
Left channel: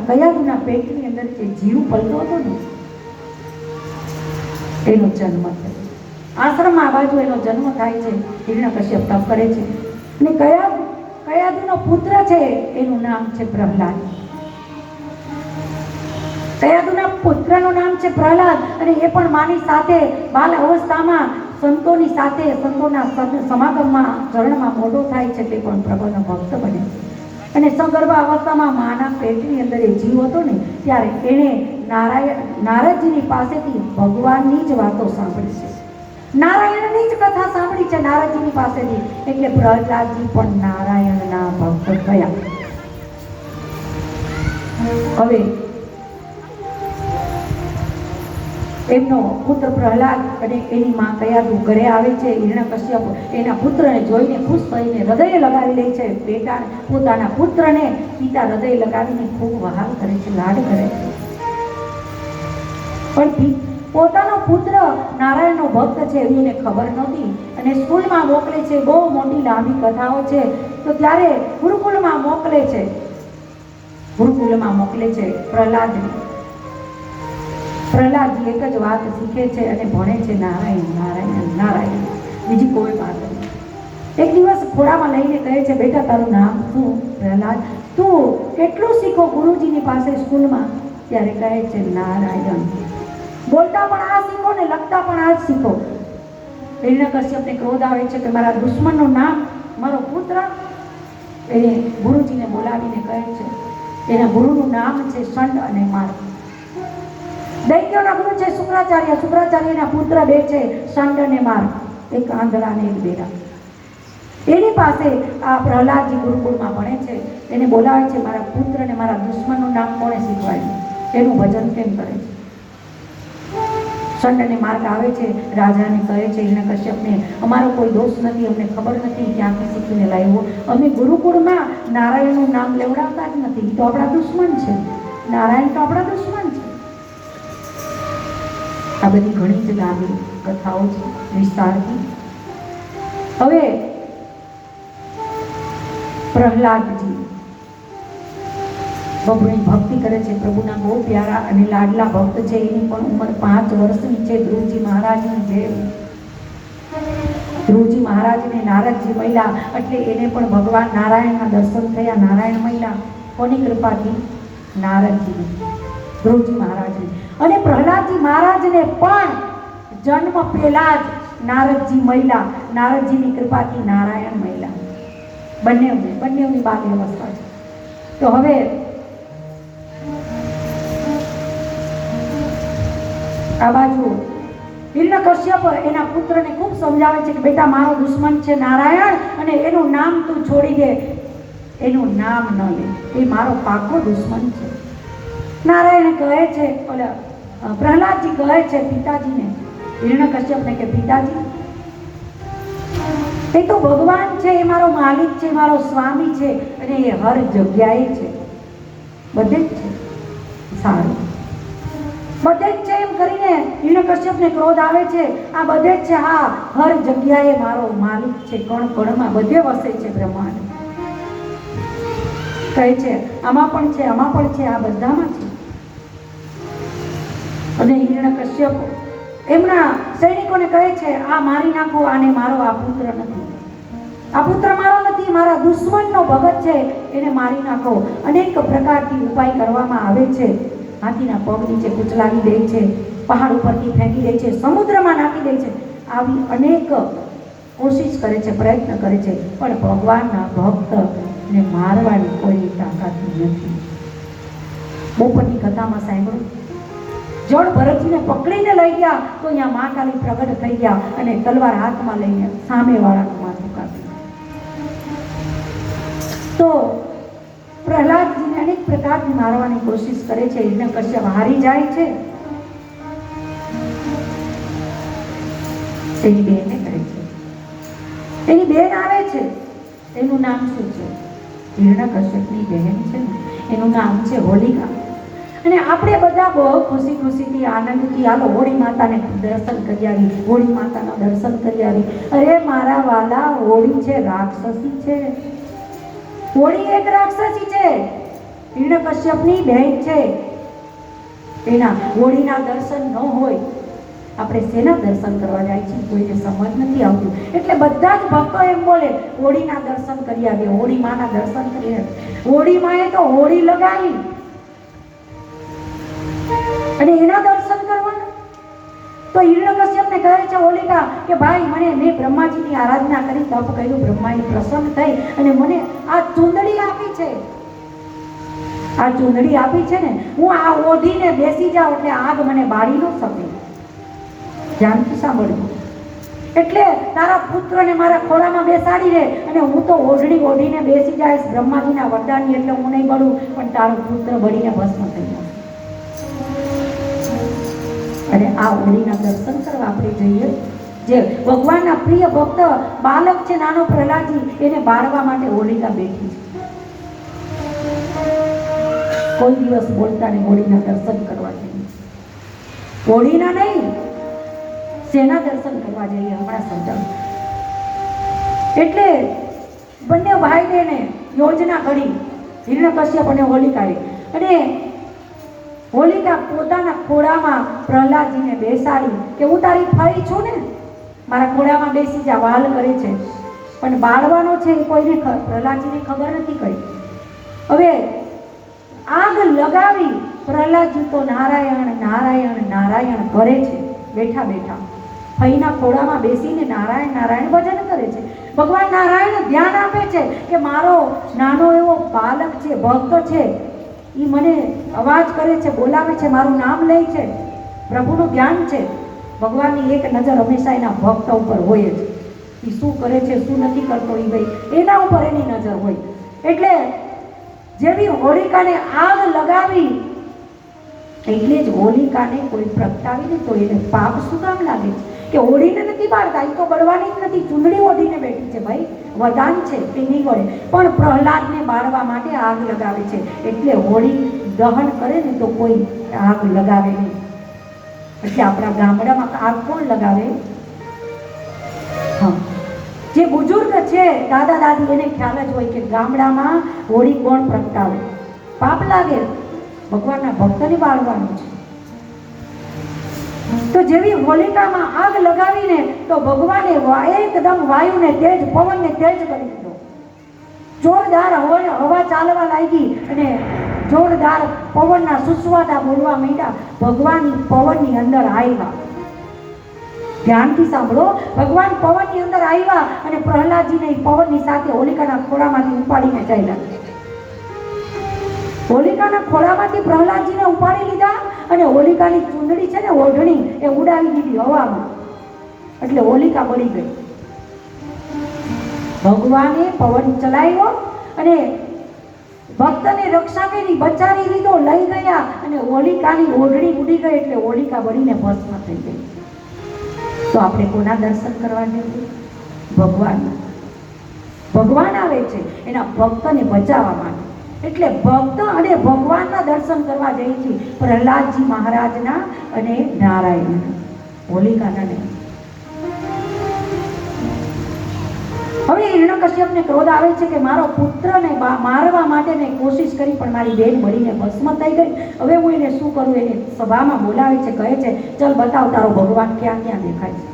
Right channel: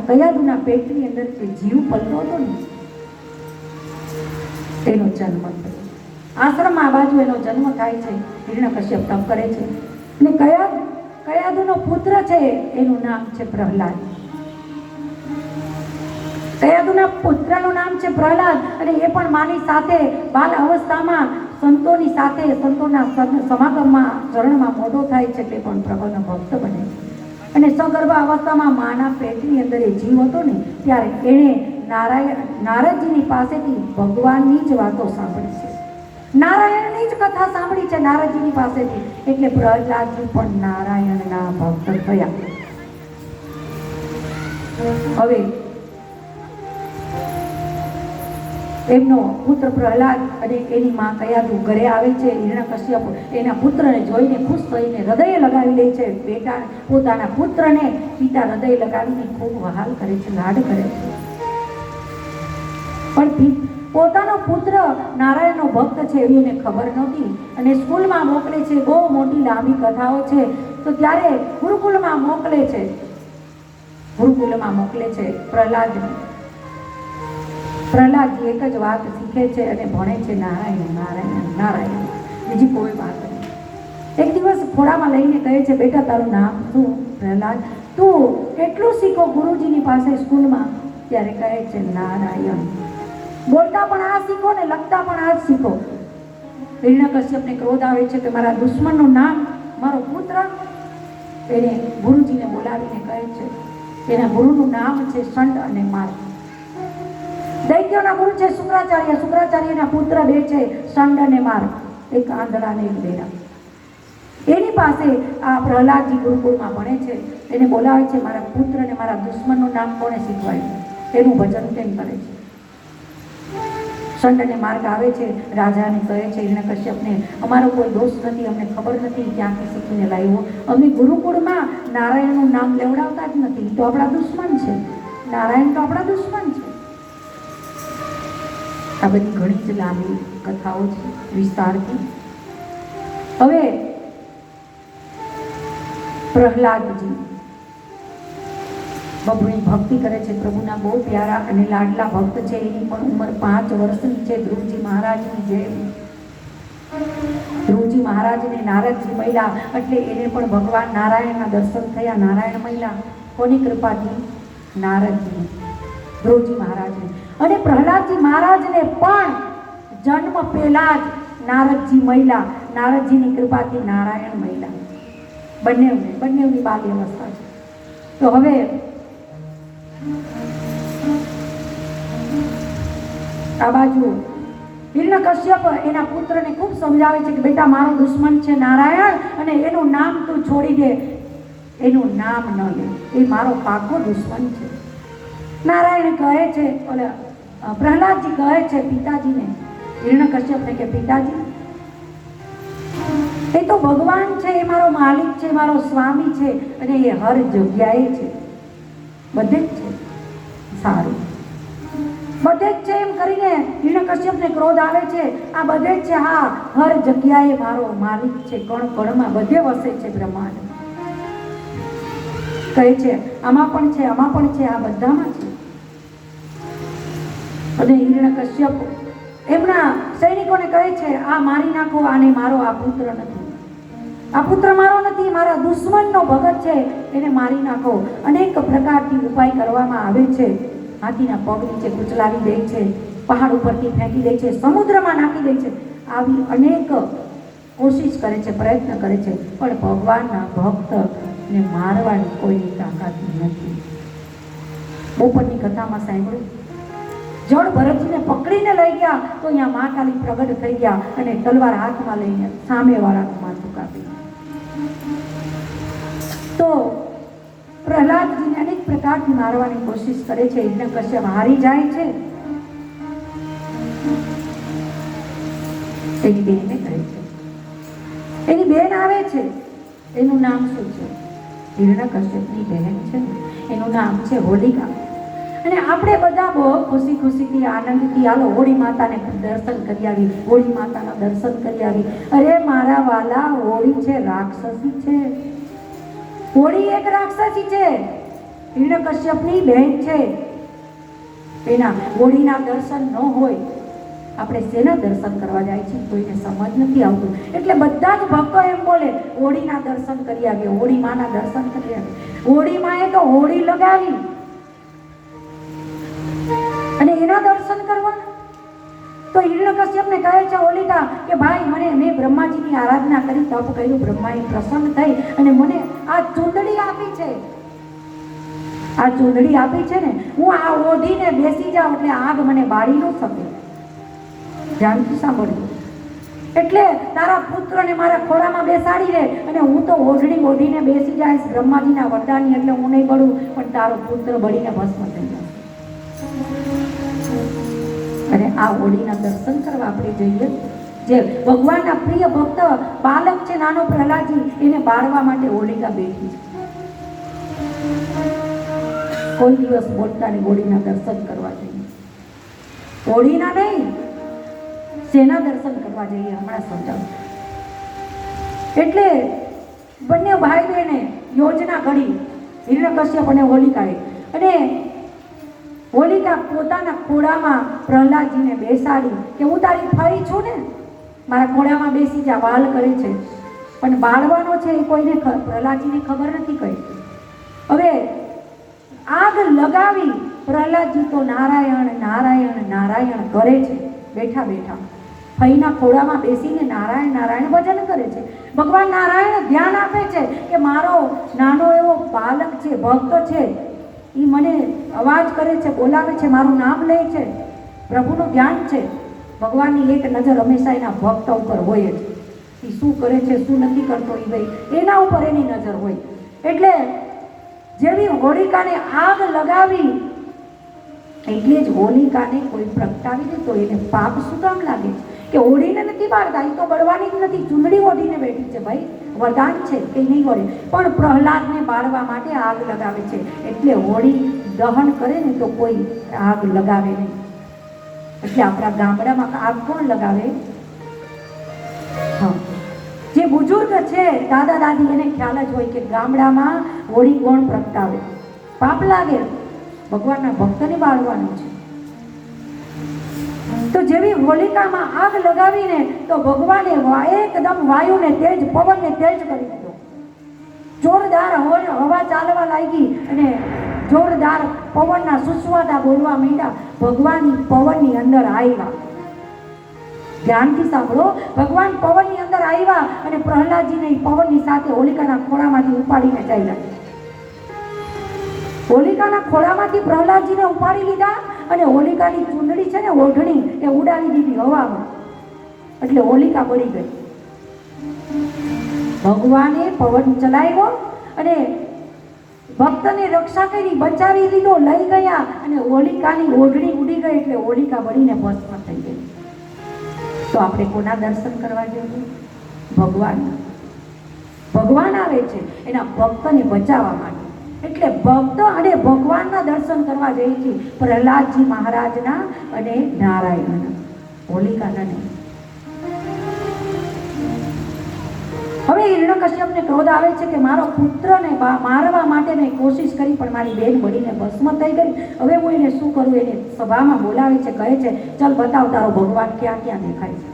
કયાદુના પેટની અંદર જે જીવ પલતો હતો ને એનો જન્મ થયો. આશ્રમમાં આ બાજુ એનો જન્મ થાય છે. હિરણ્યકશ્યપ તપ કરે છે અને કયાદુનો પુત્ર છે એનું નામ છે પ્રહલાદ. કયાદુના પુત્રનું નામ છે પ્રહલાદ અને એ પણ માની સાથે બાલ અવસ્થામાં સંતોની સાથે સંતોના સમાગમમાં ચરણમાં મોટો થાય છે તે પણ પ્રભુનો ભક્ત બને છે. અને સગર્ભા અવસ્થામાં માના પેટની અંદર એ જીવ હતો ને ત્યારે એણે નારદજીની પાસેથી ભગવાનની જ વાતો સાંભળી છે, નારાયણની જ કથા સાંભળી છે નારદજીની પાસેથી. એટલે પ્રહલાદજી પણ નારાયણના ભક્ત થયા. હવે એમનો પુત્ર પ્રહલાદ અને એની માં કયાદુ ઘરે આવે છે. હિરણ્યકશ્યપ એના પુત્રને જોઈને ખુશ થઈને હૃદય લગાવી લે છે. બેટા પોતાના પુત્રને પિતા હૃદય લગાવીને ખૂબ વહાલ કરે છે, લાડ કરે છે. પણ પોતાનો પુત્ર નારાયણનો ભક્ત છે એવી એને ખબર નહોતી અને સ્કૂલમાં મોકલે છે. બહુ મોટી લાંબી કથાઓ છે. તો ત્યારે ગુરુકુળમાં મોકલે છે, ગુરુકુલમાં મોકલે છે પ્રહલાદને. પ્રહલાદજી એક જ વાત શીખે છે અને ભણે છે નારાયણ નારાયણ નારાયણ, બીજી કોઈ વાત નહીં. એક દિવસ ખોળામાં લઈને કહે છે, બેટા તારું નામ શું? પ્રહલાદ, તું કેટલું શીખો ગુરુજીની પાસે સ્કૂલમાં? ત્યારે કહે છે નારાયણ. બોલતા પણ આ શીખો ને લખતા પણ આ જ શીખો. હિરણ્યકશ્યપને ક્રોધ આવે છે કે મારા દુશ્મનનું નામ, મારો પુત્ર. એને ગુરુજીને બોલાવીને કહે છે, એના ગુરુનું નામ છે શંડ અને માર. દૈત્યોના ગુરુ છે શુક્રાચાર્ય, શુક્રાચાર્યના પુત્ર બે છે શંડ અને માર, એક આંધળા ને એક બેરા. એની પાસે આ પ્રહલાદજી ગુરુકુળમાં ભણે છે. એને બોલાવે છે, મારા પુત્રને મારા દુશ્મનનું નામ કોણે શીખવાડ્યું, એનું ભજન કેમ કરે છે? શંડ અને માર્ગ આવે છે, રાજાને કહે છે હિરણ્યકશ્યપને, અમારો કોઈ દોષ નથી, અમને ખબર નથી ક્યાંથી શીખીને લાવ્યો. અમે ગુરુકુળમાં નારાયણનું નામ લેવડાવતા જ નથી, તો આપણા દુશ્મન છે. નારાયણ તો આપણા દુશ્મન છે. આ બધી ઘણી જ લાંબી કથાઓ છે વિસ્તારથી. હવે પ્રહલાદજી બહુની ભક્તિ કરે છે, પ્રભુના બહુ પ્યારા અને લાડલા ભક્ત છે. એની પણ ઉંમર 5 વર્ષની છે. ધ્રુવજી મહારાજની જેમ. ધ્રુવજી મહારાજને નારદજી મળ્યા એટલે એને પણ ભગવાન નારાયણના દર્શન થયા. નારાયણ મળ્યા કોની કૃપાથી? નારદજી, ધ્રુવજી મહારાજને. અને પ્રહલાદજી મહારાજને પણ જન્મ પહેલા જ નારદજી મળ્યા. નારદજીની કૃપાથી નારાયણ મળ્યા. બંનેની બાલ્ય અવસ્થા છે. તો હવે આ બાજુ હિરણ્યકશ્યપ એના પુત્રને ખૂબ સમજાવે છે કે બેટા મારો દુશ્મન છે નારાયણ, અને એનું નામ તું છોડી દે, એનું નામ ન લે, એ મારો પાકો દુશ્મન છે. નારાયણ કહે છે, પ્રહલાદજી કહે છે પિતાજીને, હિરણ્યકશ્યપને કે પિતાજી એ તો ભગવાન છે, એ મારો માલિક છે, મારો સ્વામી છે અને એ હર જગ્યાએ છે, બધે જ છે. સારું, બધે જ છે એમ કરીને હિરણ્યકશ્યપને ક્રોધ આવે છે. આ બધે જ છે, હા હર જગ્યાએ મારો માલિક છે, કણ કણમાં બધે વસે છે બ્રહ્માંડ. કહે છે આમાં પણ છે, આમાં પણ છે, આ બધામાં છે. અને હિરણ્યકશ્યપ એમના સૈનિકોને કહે છે આ મારી નાખો, આને મારો, આ પુત્ર નથી, આ પુત્ર મારો નથી, મારા દુશ્મનનો ભગત છે, એને મારી નાખો. અનેક પ્રકારથી ઉપાય કરવામાં આવે છે. હાથીના પગ નીચે કૂચલાવી દે છે, પહાડ ઉપરથી ફેંકી દે છે, સમુદ્રમાં નાખી દે છે. આવી અનેક કોશિશ કરે છે, પ્રયત્ન કરે છે, પણ ભગવાનના ભક્તને મારવાની કોઈ તાકાત નથી. બપોરની કથામાં સાંભળ્યું, જળ ભરતજીને પકડીને લઈ ગયા તો અહીંયા મા કાલી પ્રગટ થઈ ગયા અને તલવાર હાથમાં લઈને સામેવાળાનું માથું કાપી. તો પ્રહલાદજીને અનેક પ્રકારની મારવાની કોશિશ કરે છે. હિરણ્યકશ્યપ હારી જાય છે. એની બેનને કહે છે, એની બેન આવે છે, એનું નામ શું છે? હિરણ્યકશ્યપની બહેન છે ને, એનું નામ છે હોલિકા. અને આપણે બધા બહુ ખુશીથી આનંદથી હાલો હોળી માતાને દર્શન કરી આવી, હોળી માતાના દર્શન કરી આવી. અરે મારા વાલા, હોળી છે રાક્ષસી છે, હોળી એક રાક્ષસી છે, હિરણ્યકશ્યપની બહેન છે. એના હોળીના દર્શન ન હોય, આપણે શેના દર્શન કરવા જાય છે કોઈને સમજ નથી આવતું. એટલે બધા જ ભક્તો એમ બોલે હોળીના દર્શન કરી આવીએ, હોળી માના દર્શન કરી આવીએ. હોળી માએ તો હોળી લગાવી અને એના દર્શન કરવાના. તો હિરણ્યકશ્યપને કહે કહે છે હોલિકા કે ભાઈ મેં બ્રહ્માજીની આરાધના કરી, તપ કર્યું, બ્રહ્માજી પ્રસન્ન થઈ અને મને આ ચૂંદડી આપી છે. આ ચૂંદડી આપી છે ને, હું આ ઓઢીને બેસી જાઉં એટલે આગ મને બાળી ન શકે. ધ્યાનથી સાંભળવું. એટલે તારા પુત્રને મારા ખોળામાં બેસાડી દે અને હું તો ઓઢીને બેસી જઈશ બ્રહ્માજીના વરદાનની, એટલે હું નહીં બળું પણ તારો પુત્ર બળીને ભસ્મ થઈ જશે. અને આ હોળીના દર્શન કરવા આપણે જઈએ. જે ભગવાનના પ્રિય ભક્ત બાલક છે નાનો પ્રહલાદજી, એને બાળવા માટે હોલિકા બેઠી છે. કોઈ દિવસ બોલતા નહીં, હોળીના દર્શન કરવા જઈએ. હોળીના નહીં, શેના દર્શન કરવા જઈએ હમણાં સમજાવ. એટલે બંને ભાઈ બહેને યોજના કરી, હિરણ્યકશ્યપ અને હોલિકાએ. અને હોલિકા પોતાના ખોળામાં પ્રહલાદજીને બેસાડી કે હું તારી ફઈ છું ને, મારા ખોળામાં બેસી જા, વાલ કરે છે. પણ બાળવાનો છે એ કોઈને પ્રહલાદજીને ખબર નથી પડી. હવે આગ લગાવી પ્રહલાદજી તો નારાયણ નારાયણ નારાયણ કરે છે. બેઠા બેઠા ફઈના ખોળામાં બેસીને નારાયણ નારાયણ ભજન કરે છે. ભગવાન નારાયણ ધ્યાન આપે છે કે મારો નાનો એવો બાલક છે, ભક્ત છે, એ મને અવાજ કરે છે, બોલાવે છે, મારું નામ લે છે. પ્રભુનું ધ્યાન છે. ભગવાનની એક નજર હંમેશા એના ભક્ત ઉપર હોય જ. એ શું કરે છે, શું નથી કરતો, એ ભાઈ એના ઉપર એની નજર હોય. એટલે જેવી હોલિકાને આગ લગાવી, એટલે જ હોલિકાને કોઈ પ્રગટાવી દે તો એને પાપ શું કામ લાગે છે કે ઓઢીને નથી બાળતા, એ તો બળવાની જ નથી, ચૂંદડી ઓઢીને બેઠી છે. ભાઈ વરદાન છે કે નહીં વળે, પણ પ્રહલાદને બાળવા માટે આગ લગાવે છે. એટલે હોળી દહન કરે ને તો કોઈ આગ લગાવે નહીં. એટલે આપણા ગામડામાં આગ કોણ લગાવે? હા, જે બુજુર્ગ છે, દાદા દાદી, એને ખ્યાલ જ હોય કે ગામડામાં હોળી કોણ પ્રગટાવે. પાપ લાગે, ભગવાનના ભક્તને બાળવાનું છે. તો જેવી હોલિકામાં આગ લગાવીને તો ભગવાને એકદમ વાયુને તેજ, પવનને તેજ કરી દીધો. જોરદાર હવા ચાલવા લાગી અને જોરદાર પવનના સુસવાટા બોલવા માંડ્યા. ભગવાન પવનની અંદર આવ્યા. ધ્યાનથી સાંભળો. ભગવાન પવનની અંદર આવ્યા અને પ્રહલાદજીને પવનની સાથે હોલિકાના ખોળામાંથી ઉપાડીને ચાલ્યા. હોલિકાના ખોળામાંથી પ્રહલાદજીને ઉપાડી લીધા અને હોલિકાની ચૂંદડી છે ને, ઓઢણી, એ ઉડાવી દીધી હવામાં. એટલે હોલિકા બળી ગઈ. ભગવાને પવન ચલાવ્યો અને ભક્તને રક્ષા કરી, બચાવી લીધો, લઈ ગયા અને હોલિકાની ઓઢણી ઉડી ગઈ. એટલે હોલિકા બળીને ભસ્મ થઈ ગઈ. તો આપણે કોના દર્શન કરવા જઈએ? ભગવાન. ભગવાન આવે છે એના ભક્તને બચાવવા માટે. એટલે ભક્ત અને ભગવાનના દર્શન કરવા જઈએ છીએ. પ્રહલાદજી મહારાજના અને નારાયણ, હોલિકાના નહીં. હવે હિરણ્યકશ્યપને ક્રોધ આવે છે કે મારો પુત્રને મારવા માટે મેં કોશિશ કરી પણ મારી બેન બળીને ભસ્મ થઈ ગઈ. હવે હું એને શું કરું? એને સભામાં બોલાવે છે, કહે છે ચલ બતાવ તારો ભગવાન ક્યાં ક્યાં દેખાય છે.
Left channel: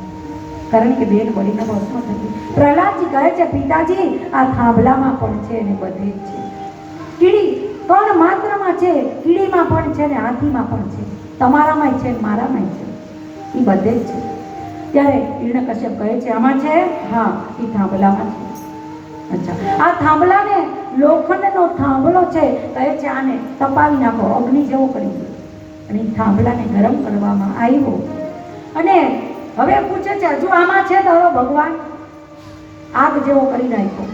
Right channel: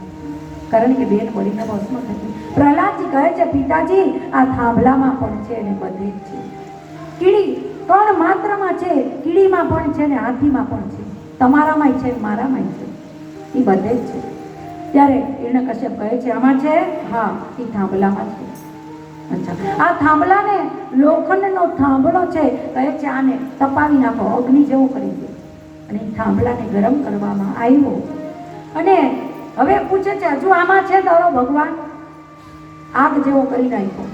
કારણ કે બેન બળીને ભસ્મ થઈ ગઈ. પ્રહલાદજી કહે છે પિતાજી, આ થાંભલામાં પણ છે અને બધે જ છે. કીડી કણ માત્રમાં છે, કીડીમાં પણ છે ને હાથીમાં પણ છે, તમારામાંય છે મારામાંય છે, એ બધે જ છે. ત્યારે હિરણ્યકશ્યપ કહે છે આમાં છે? હા, એ થાંભલામાં છે. અચ્છા, આ થાંભલાને લોખંડનો થાંભલો છે, કહે છે આને તપાવી નાખો, અગ્નિ જેવો કરી દો. અને એ થાંભલાને ગરમ કરવામાં આવ્યો અને હવે પૂછે છે હજુ આમાં છે તારો ભગવાન? આગ જેવો કરી નાખ્યો.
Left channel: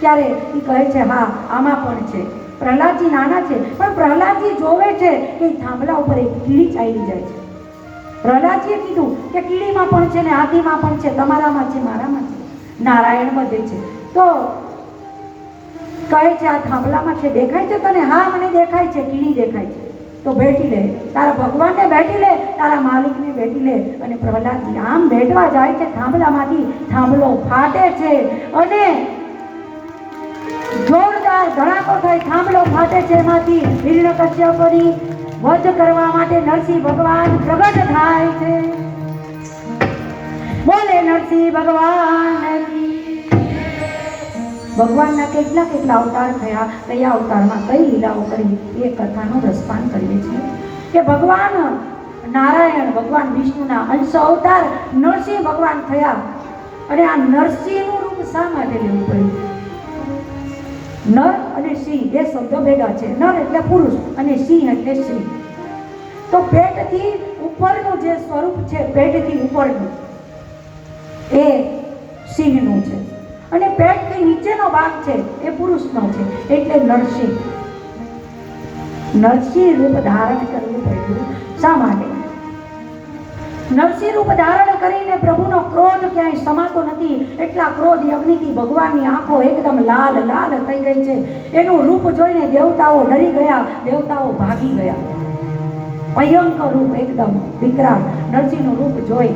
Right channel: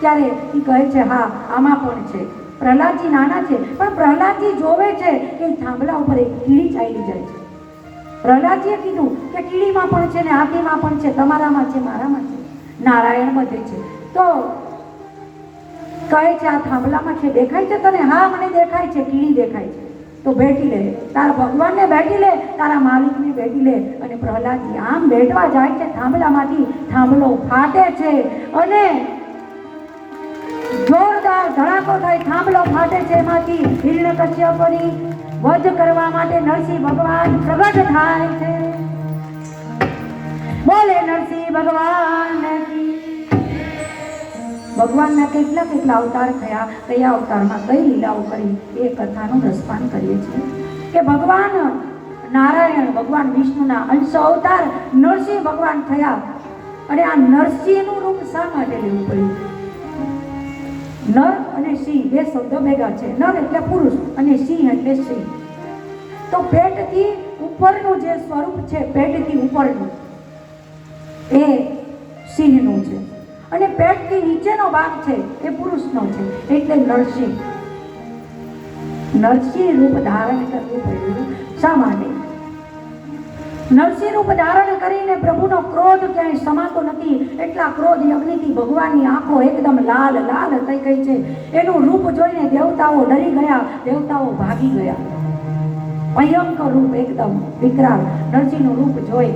ત્યારે એ કહે છે હા, આમાં પણ છે. પ્રહલાદજી નાના છે પણ પ્રહલાદજી જોવે છે કે થાંભલા ઉપર એક કીડી ચાલી જાય છે. પ્રહલાદજીએ કીધું કે કીડીમાં પણ છે ને હાથીમાં પણ છે, તમારામાં છે મારામાં છે, નારાયણ બધે છે. તો કહે છે આ થાંભલામાં છે, દેખાય છે તને? હા, મને દેખાય છે, કીડી દેખાય છે. તો ભેટી લે, તારા ભગવાનને ભેટી લે, તારા માલિકને ભેટી લે. અને પ્રહલાદજી આમ ભેટવા જાય છે થાંભલામાંથી, થાંભલો ફાટે છે અને જોરદાર ધડાકો થઈ થાંભલો ફાટે છે. એમાંથી હિરણ્યકશ્યપની વધ કરવા માટે નરસિંહ ભગવાન પ્રગટ થાય છે. બોલે નરસિંહ ભગવાન કી. ભગવાનના કેટલા કેટલા અવતાર થયા, કયા અવતારમાં કઈ લીલાઓ કરી, એ કથાનો રસપાન કરીએ છીએ કે ભગવાન નારાયણ ભગવાન વિષ્ણુના અંશ અવતાર નરસિંહ ભગવાન થયા. અને આ નરસિંહનું રૂપ શા માટે લેવું પડ્યું? નર અને સિંહ બે શબ્દ ભેગા છે. નર એટલે પુરુષ અને સિંહ એટલે સ્ત્રી. તો પેટથી ઉપરનું જે સ્વરૂપ છે, પેટથી ઉપરનું એ સિંહનું છે અને પેટથી નીચેનો ભાગ છે એ પુરુષનો છે, એટલે નરસિંહ. નરસિંહ રૂપ ધારણ કરવું પડ્યું શા માટે? નરસિંહ રૂપ ધારણ કરીને પ્રભુનો ક્રોધ ક્યાંય સમાતો નથી. એટલા ક્રોધ યજ્ઞથી ભગવાનની આંખો એકદમ લાલ લાલ થઈ ગઈ છે. એનું રૂપ જોઈને દેવતાઓ ડરી ગયા, દેવતાઓ ભાગી ગયા. ભયંકર રૂપ, એકદમ વિકરાળ નરસિંહનું રૂપ જોઈ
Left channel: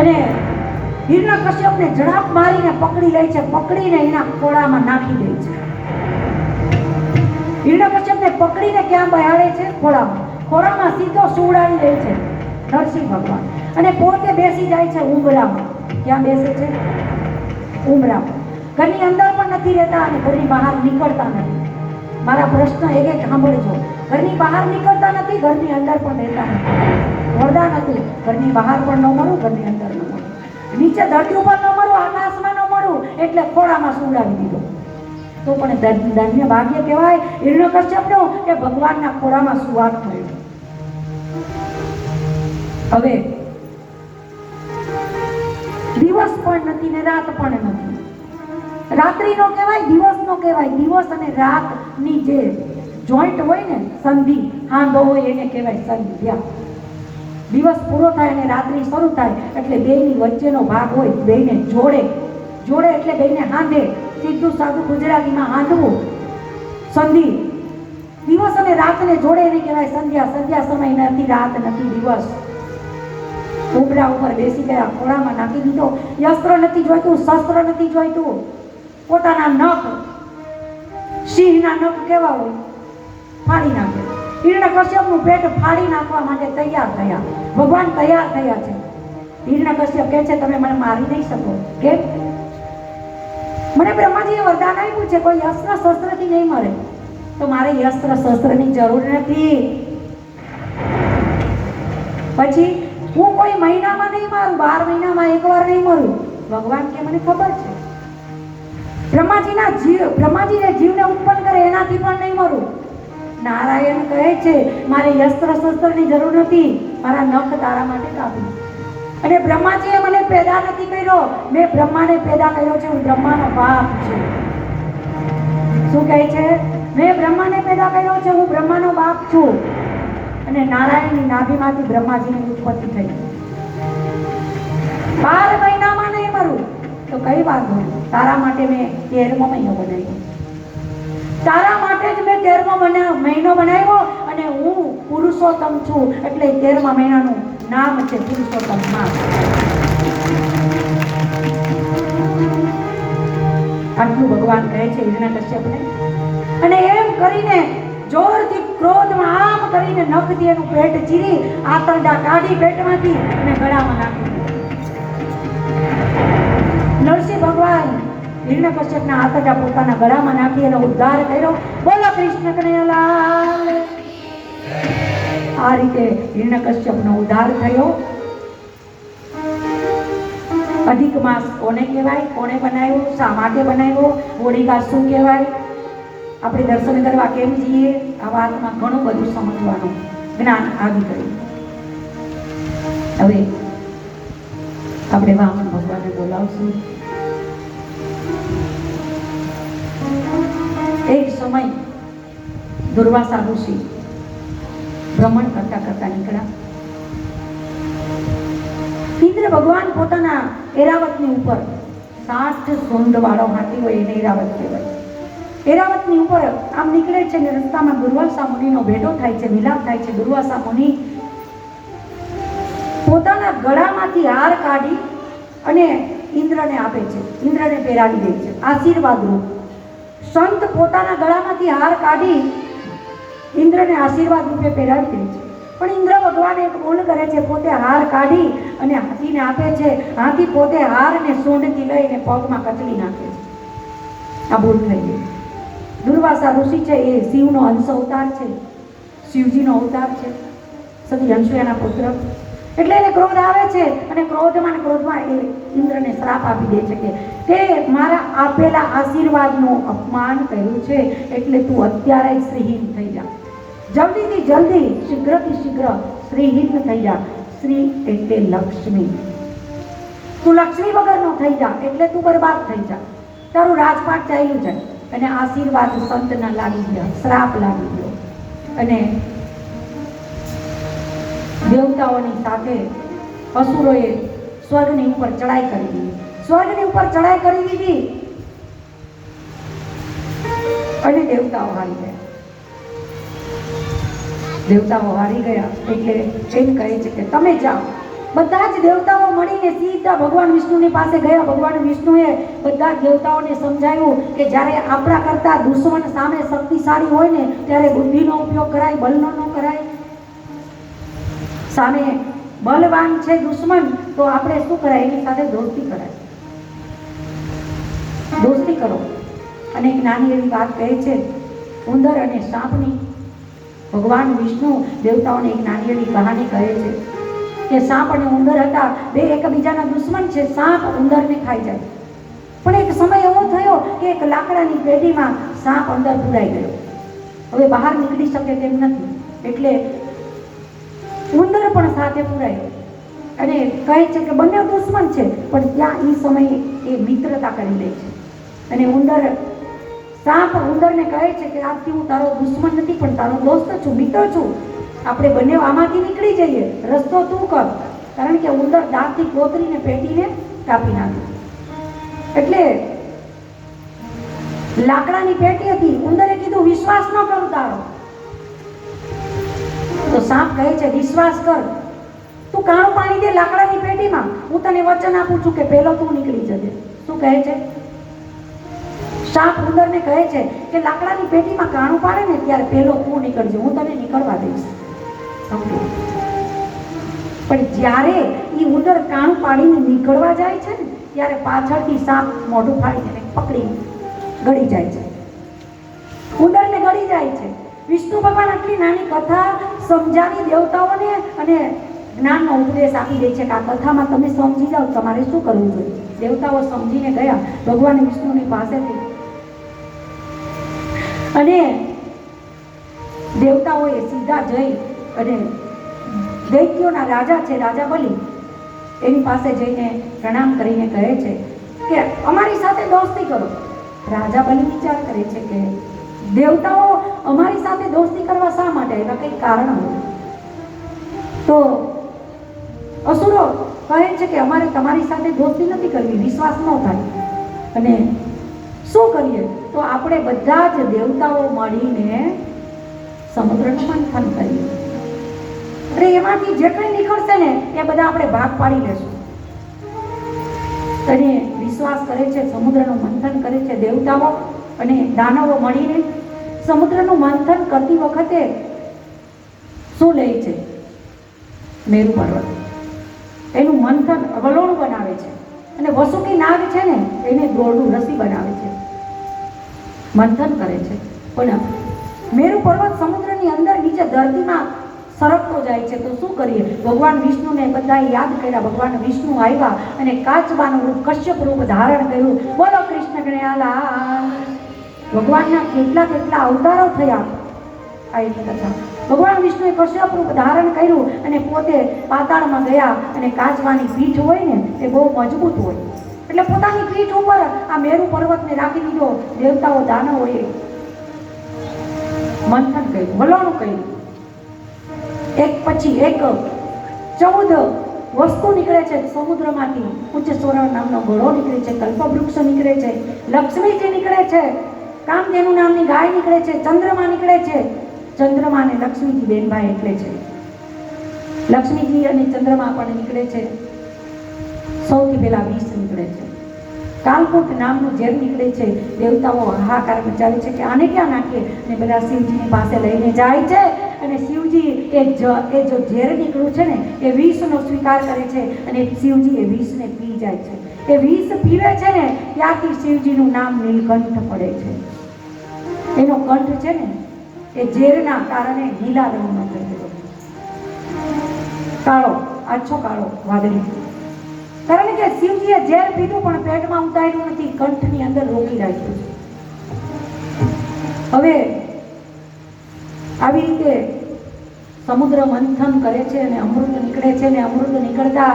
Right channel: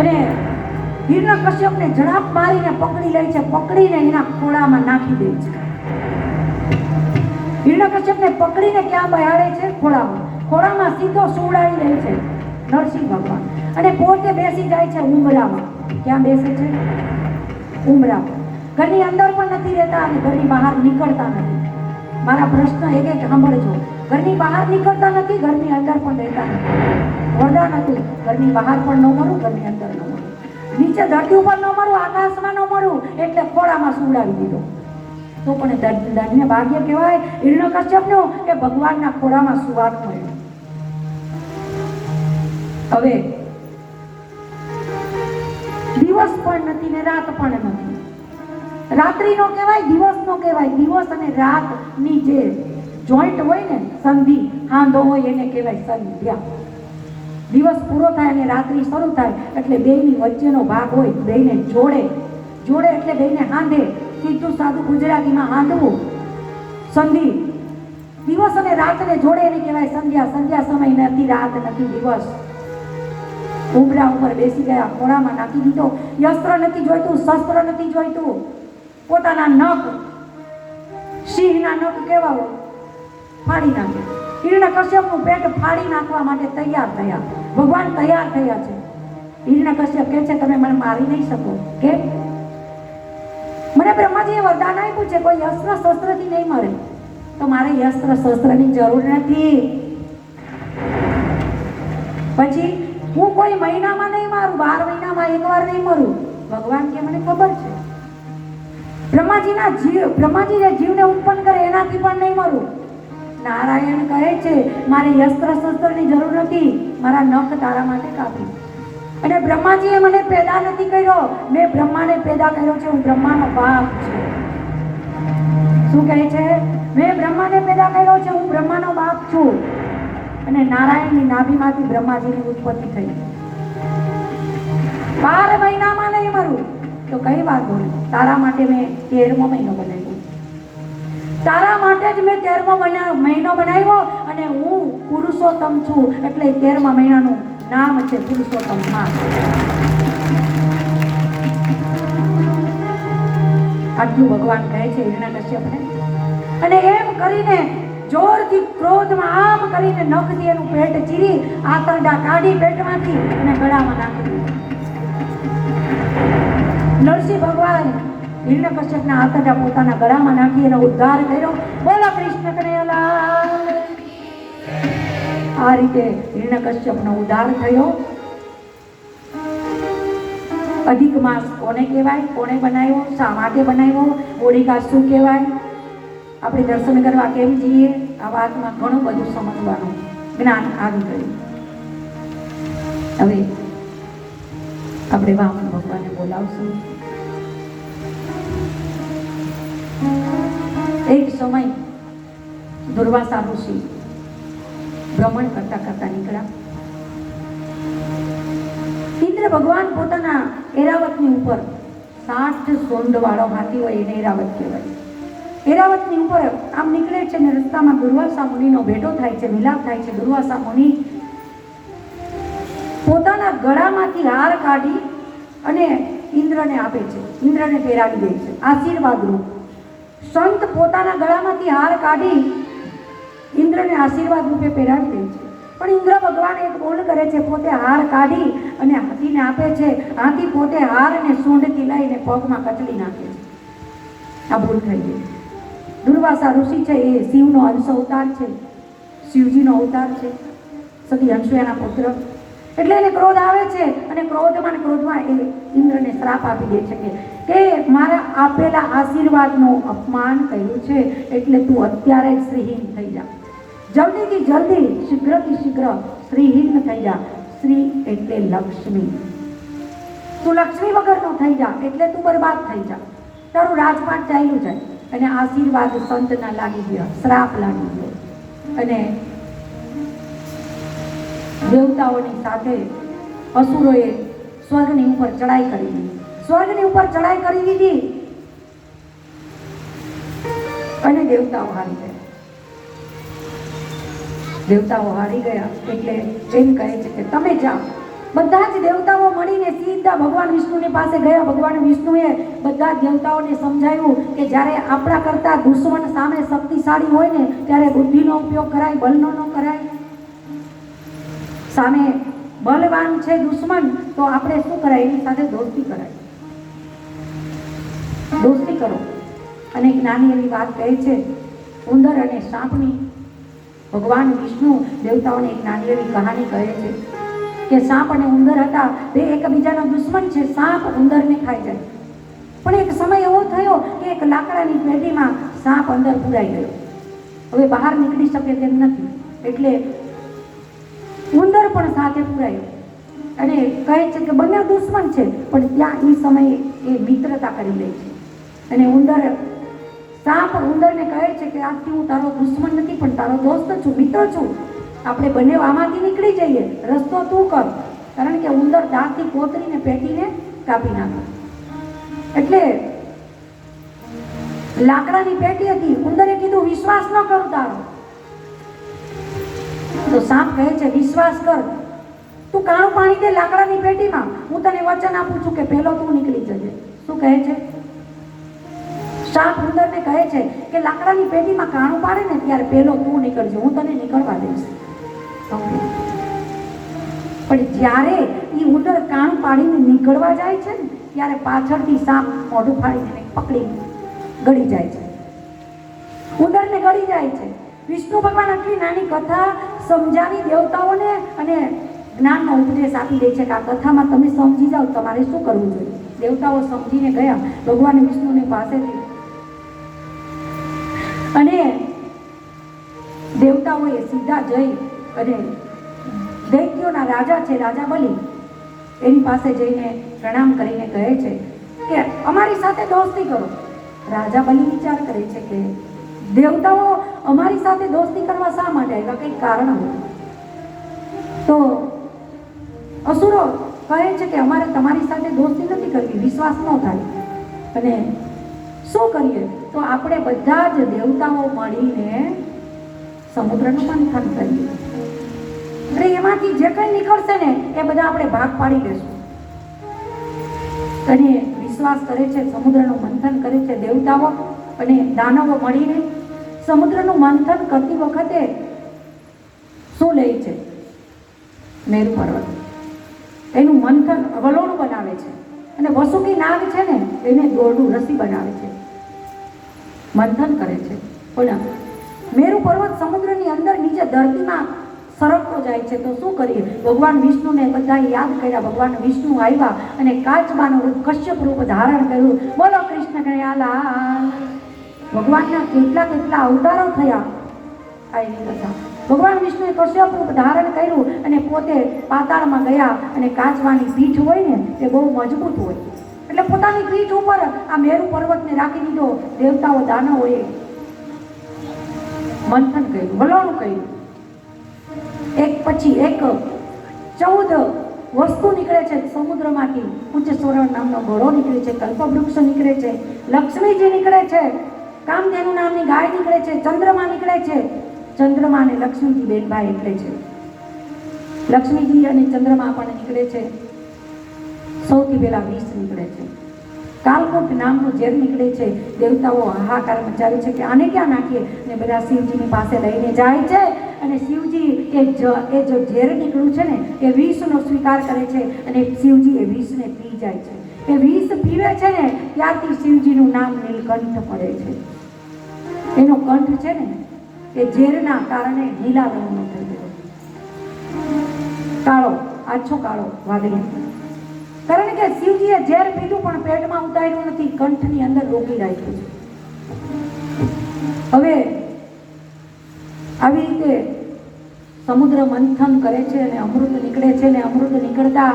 અને હિરણ્યકશ્યપને ઝડપ મારીને પકડી લે છે. પકડીને એના ખોળામાં નાખી દે છે. હિરણ્યકશ્યપને પકડીને ક્યાં બેહાડે છે? ખોળામાં સીધો સુવડાવી દે છે નરસિંહ ભગવાન. અને પોતે બેસી જાય છે ઉંબરામાં. ક્યાં બેસે છે? ઉંબરા. ઘરની અંદર પણ નથી રહેતા અને ઘરની બહાર નીકળતા નથી. મારા પ્રશ્ન એક એક સાંભળજો. ઘરની બહાર નીકળતા નથી, ઘરની અંદર પણ રહેતા નથી. વરદાન હતું, ઘરની બહાર પણ ન મળું, ઘરની અંદર ન મળું, નીચે ધરતી ઉપર ન મળું, આકાશમાં ન મળું, એટલે ખોળામાં સુવડાવી દીધો. તો પણ ધન્ય ભાગ્ય કહેવાય હિરણ્યકશ્યપનું કે ભગવાનના ખોળામાં સુવાસ મળ્યો. હવે દિવસ પણ નથી ને રાત પણ નથી. રાત્રિનો કહેવાય, દિવસનો કહેવાય. દિવસ અને રાતની જે જોઈન્ટ હોય ને, સંધિ હાંધો હોય, એને કહેવાય સંધ્યા. દિવસ પૂરો થાય અને રાત્રિ શરૂ થાય એટલે બેયની વચ્ચેનો ભાગ હોય, બેયને જોડે એટલે બેયને હાંધે. સીધું સાદું ગુજરાતીમાં હાંધવું, સંધિ. દિવસ અને રાતને જોડે એને કહેવાય સંધ્યા. સંધ્યા સમય નથી, રાત નથી, દિવસ. ઉબરા ઉપર બેસી ગયા, ખોળામાં નાખી દીધો. યસ્ત્ર નથી જોઈતું, શસ્ત્ર નથી જોઈતું. પોતાના નખ, સિંહના નખ કેવા હોય, ફાડી નાખે. હિરણ્યકશ્યપનું પેટ ફાડી નાખવા માટે તૈયાર થયા. ભગવાન તૈયાર થયા છે. હિરણ્યકશ્યપ કહે છે, તમે મને મારી નહીં શકો. કેમ? મને બ્રહ્માજીએ વરદાન આપ્યું છે, કોઈ અસ્ત્ર શસ્ત્રથી નહીં મરે. તો મારે અસ્ત્ર શસ્ત્રની જરૂર નથી. પછી હું કોઈ મહિનામાં નહીં મારું, 12 મહિનામાં એકવાર નહીં મરું. ભગવાન કે મને ખબર છે. બ્રહ્માજી જે જીવને ઉત્પન્ન કરે એનાથી પણ નહીં મરું. નારાયણ કહે છે, મારે અસ્ત્ર શસ્ત્રની જરૂર નથી, મારા નખ તારા માટે કાપી. અને બ્રહ્માજીએ મને પેદા નથી કર્યો, મેં બ્રહ્માને પેદા કર્યો છે. હું બ્રહ્માનો બાપ છું. શું કહે છે? મેં બ્રહ્માને પેદા કર્યો છે, હું બ્રહ્માનો બાપ છું. અને નારાયણની નાભીમાંથી બ્રહ્માજીની ઉત્પત્તિ થઈ. 12 મહિનામાં નહીં મરું તો કઈ વાત હોય? તારા માટે મેં 13મો મહિનો બનાવ્યો. તારા માટે જ મેં 13મો મહિનો બનાવ્યો. અને હું પુરુષોત્તમ છું, એટલે 13મા મહિનાનું નામ છે પુરુષોત્તમ માસ. આટલું ભગવાન કહે છે હિરણ્યકશ્યપને. અને એમ કરીને જોરથી ક્રોધમાં આમ કરીને નખથી એનું પેટ ચીરી, આંતરડા કાઢી પેટમાંથી અને ગળામાં નાખી દીધા. નરસિંહ ભગવાન હિરણ્યકશ્યપના આંતરડા પોતાના ગળામાં નાખી એનો ઉદ્ધાર કર્યો. બોલો કૃષ્ણ કનૈયાલાલ. આ રીતે હિરણ્યકશ્યપનો ઉદ્ધાર થયો. અધિક માસ કોને કહેવાય, કોને બનાવ્યો, શા માટે બનાવ્યો, હોળિકા શું કહેવાય, આપણે દર્શન કરવા કેમ જઈએ, આ વાતમાં ઘણું બધું સમજવાનું જ્ઞાન આવી ગયું. હવે આપણે વામન ભગવાનને બોલાવશું. એક સમય દુર્વાસા ઋષિ ભ્રમણ કરતા કરતા નીકળ્યા. ઇન્દ્ર ભગવાન પોતાના એરાવતની ઉપર 7 સોંડ વાળો હાથી હોય એને એરાવત કહેવાય. એરાવતની ઉપર આમ નીકળે છે ને રસ્તામાં દુર્વાસા મુનિનો ભેટો થાય છે, મિલાપ થાય છે. દુર્વાસા મુનિ પોતાના ગળામાંથી હાર કાઢી અને ઇન્દ્રને આપે છે, ઇન્દ્રને પહેરાવી દે છે આશીર્વાદ રૂપ. સંત પોતાના ગળામાંથી હાર કાઢી ઇન્દ્રને આશીર્વાદ રૂપે પહેરાવી દે છે. પણ ઇન્દ્ર ભગવાન એક ભૂલ કરે છે, પોતે હાર કાઢી અને હાથીને આપે છે. હાથી પોતે હારને સોંડથી લઈને પગમાં કચડી નાખે છે. આ ભૂલ થઈ ગઈ. દુર્વાસા ઋષિ છે એ શિવનો અંશ અવતાર છે, શિવજીનો અવતાર છે. સતી અનસૂયાના પુત્ર. એટલે એને ક્રોધ આવે છે અને ક્રોધમાં એ ઇન્દ્રને શ્રાપ આપી દે છે કે તે મારા આપેલા આશીર્વાદનું અપમાન કર્યું છે, એટલે તું અત્યારે જ શ્રીહીન થઈ જા. જલ્દીથી જલ્દી, શીઘ્રથી શીઘ્ર શ્રીહીન થઈ જા. શ્રી એટલે લક્ષ્મી. તું લક્ષ્મી વગરનો થઈ જા એટલે તું બરબાદ થઈ જા. તારું રાજપાટ ચાલ્યું જાય. અને આશીર્વાદ સંતના લાગી ગયા, શ્રાપ લાગી ગયો. અને દેવતાઓની સાથે અસુરોએ સ્વર્ગની ઉપર ચડાઈ કરી દીધી. સ્વર્ગની ઉપર ચડાઈ કરી દીધી અને દેવતાઓ હારી ગયા. દેવતાઓ હારી ગયા એટલે એમ કહે છે કે તમે જાઓ. બધા જ દેવતાઓ મળીને સીધા ભગવાન વિષ્ણુની પાસે ગયા. ભગવાન વિષ્ણુએ બધા જ દેવતાઓને સમજાવ્યું કે જ્યારે આપણા કરતા દુશ્મન સામે શક્તિશાળી હોય ને ત્યારે બુદ્ધિનો ઉપયોગ કરાય, બલનો ન કરાય. સામે બલવાન છે દુશ્મન તો આપણે શું કરાય, એની સાથે દોસ્તી કરાય, દોસ્તી કરો. અને એક નાની એવી વાત કહે છે ઉંદર અને સાપની. ભગવાન વિષ્ણુ દેવતાઓને એક નાની એવી કહાની કહે છે કે સાપ અને ઉંદર હતા, બે એકબીજાના દુશ્મન છે. સાપ ઉંદરને ખાઈ જાય. પણ એક સમય એવો થયો કે એક લાકડાની પેઢીમાં સાપ અંદર પુરાઈ ગયો. હવે બહાર નીકળી શકે તેમ નથી, એટલે ઉંદર પણ સાથે પુરાય અને કહે છે કે બંને દુશ્મન છે, પણ ત્યાં એ સમયે એ મિત્રતા કરી લે છે. અને સાપ ઉંદરને કહે છે કે આજથી હું તારો દુશ્મન નથી પણ તારો દોસ્ત છું, મિત્ર છું. આપણે બંને આમાંથી નીકળી જઈએ, રસ્તો તું કર. કારણ કે ઉંદર દાંતથી કોતરીને પેટીને કાપી નાખ્યું. એટલે લાકડાની પેટી હતી. ઉંદરે કીધું વિશ્વાસ ન કરું તારો. તો સાપ કહે છે વિશ્વાસ કર, તું કાણું પાણી દે લાકડાની પેટીમાં, હું તને વચન આપું છું કે પહેલો તું નીકળી જજે. શું કહે છે સાપ ઉંદરને? કહે છે કે લાકડાની પેટીમાં કાણું પાડે ને ત્યારે પહેલો તું નીકળજે, હું તને નીકળવા દઈશ. પણ જ્યારે એ ઉંદર કાણું પાડીને નીકળવા જાય છે ને ત્યારે પાછળથી સાપ મોઢું ફાડીને પકડી ગળી જાય છે, ઉંદરને ગળી જાય છે. વિષ્ણુ ભગવાન આટલી નાની કથા સમજાવી દેવતાઓને અને જ્ઞાનનો ઉપદેશ આપી દે છે કે આ કથામાં તમે સમજી જાઓ, તમારે શું કરવું જોઈએ. દેવતાઓ સમજીને ગયા ભગવાન વિષ્ણુની પાસેથી. અને દેવતાઓએ સીધા જઈ અને દૈત્યોના રાજા છે, રાજા બલિ, એની પાસે જઈને પ્રણામ કરીને કહે છે કે અમારી સાથે દોસ્તી કરો. રાજા બલિ વિચાર કરે છે કે દેવતાઓ અમારી સાથે દોસ્તી કરવા શા માટે આવ્યા, કંઈક કારણ હતું. તો અસુરો કહે છે કે અમારે તમારી સાથે દોસ્તી નથી કરવી, વિશ્વાસ ન થાય. અને શું કરીએ? તો આપણે બધા જ દેવતાઓ મળીને સમુદ્રનું મંથન કરીએ. અને એમાંથી જે કંઈ નીકળશે ને એ બધા આપણે ભાગ પાડી લેશું. અને વિશ્વાસ કરે છે, સમુદ્રનું મંથન કરે છે દેવતાઓ અને દાનવો મળીને. સમુદ્રનું મંથન કરતી વખતે શું લે છે? મેરુ પર્વત. એનું મંથન વલોણું બનાવે છે અને વસુકી નાગ છે ને એને ગોળનું રસી બનાવે છે, મંથન કરે છે. પણ મેરુ પર્વત સમુદ્રની અંદર નીચે ધરતીમાં સરકતો જાય છે. તો શું કરીએ? ભગવાન વિષ્ણુને બધાએ યાદ કર્યા. ભગવાન વિષ્ણુ આવ્યા અને કાચબાનું રૂપ, કશ્યપ રૂપ ધારણ કર્યું. બોલો કૃષ્ણ કનૈયાલાલ. ભગવાનના કેટલા કેટલા અવતારો થયા આ એની કથા. ભગવાન વિષ્ણુએ કશ્યપ રૂપ ધારણ કર્યું અને પોતે પાતાળમાં ગયા. અને કાચબાની પીઠ હોય ને એ બહુ મજબૂત હોય એટલે પોતાની પીઠ ઉપર આ મેરુ પર્વતને રાખી દીધો. દેવતાઓ દાનવોએ મંથન કર્યું, વલોણું કર્યું. એક પછી એક 14 વસ્તુ નીકળે છે સમુદ્રમાંથી. ઉચ્ચસ્વર નામનો ઘોડો નીકળે છે, કલ્પવૃક્ષ નીકળે છે, લક્ષ્મીજી નીકળે છે, કામધેનુ નામની ગાય નીકળે છે, ચંદ્રમા નીકળે છે. ચંદ્રમા અને લક્ષ્મીજી બેન ભાઈ એટલે છે. લક્ષ્મીજી અને ચંદ્રમા પણ નીકળે છે. સૌથી પહેલા વિષ નીકળે છે, કાલકૂટ નામનું ઝેર નીકળે છે. દેવતાઓ હાહાકાર મચાવે છે કે આને ક્યાં નાખીએ, અને બધા શિવજીની પાસે લઈને જાય છે. અને શિવજી એ જો ઝેર નીકળ્યું છે ને એ વિષનો સ્વીકાર કરે છે અને શિવજી એ વિષને પી જાય છે. એ વિષ પીવે છે ને ત્યારથી શિવજીનું નામ નીલકંઠ પડે છે. એનો કંઠ છે ને એ ઝેરના કારણે લીલા રંગનો થઈ ગયો. આછો કાળો વાદળી. કારણ કે શિવજીએ ઝેર પીધું પણ પેટમાં ઉતાર્યું નથી, કંઠની અંદર રોકી રાખ્યું છે. હવે આવી રીતે સમુદ્ર મંથન કરે છે અને અમૃત નીકળે છે, અને અમૃત નીકળતા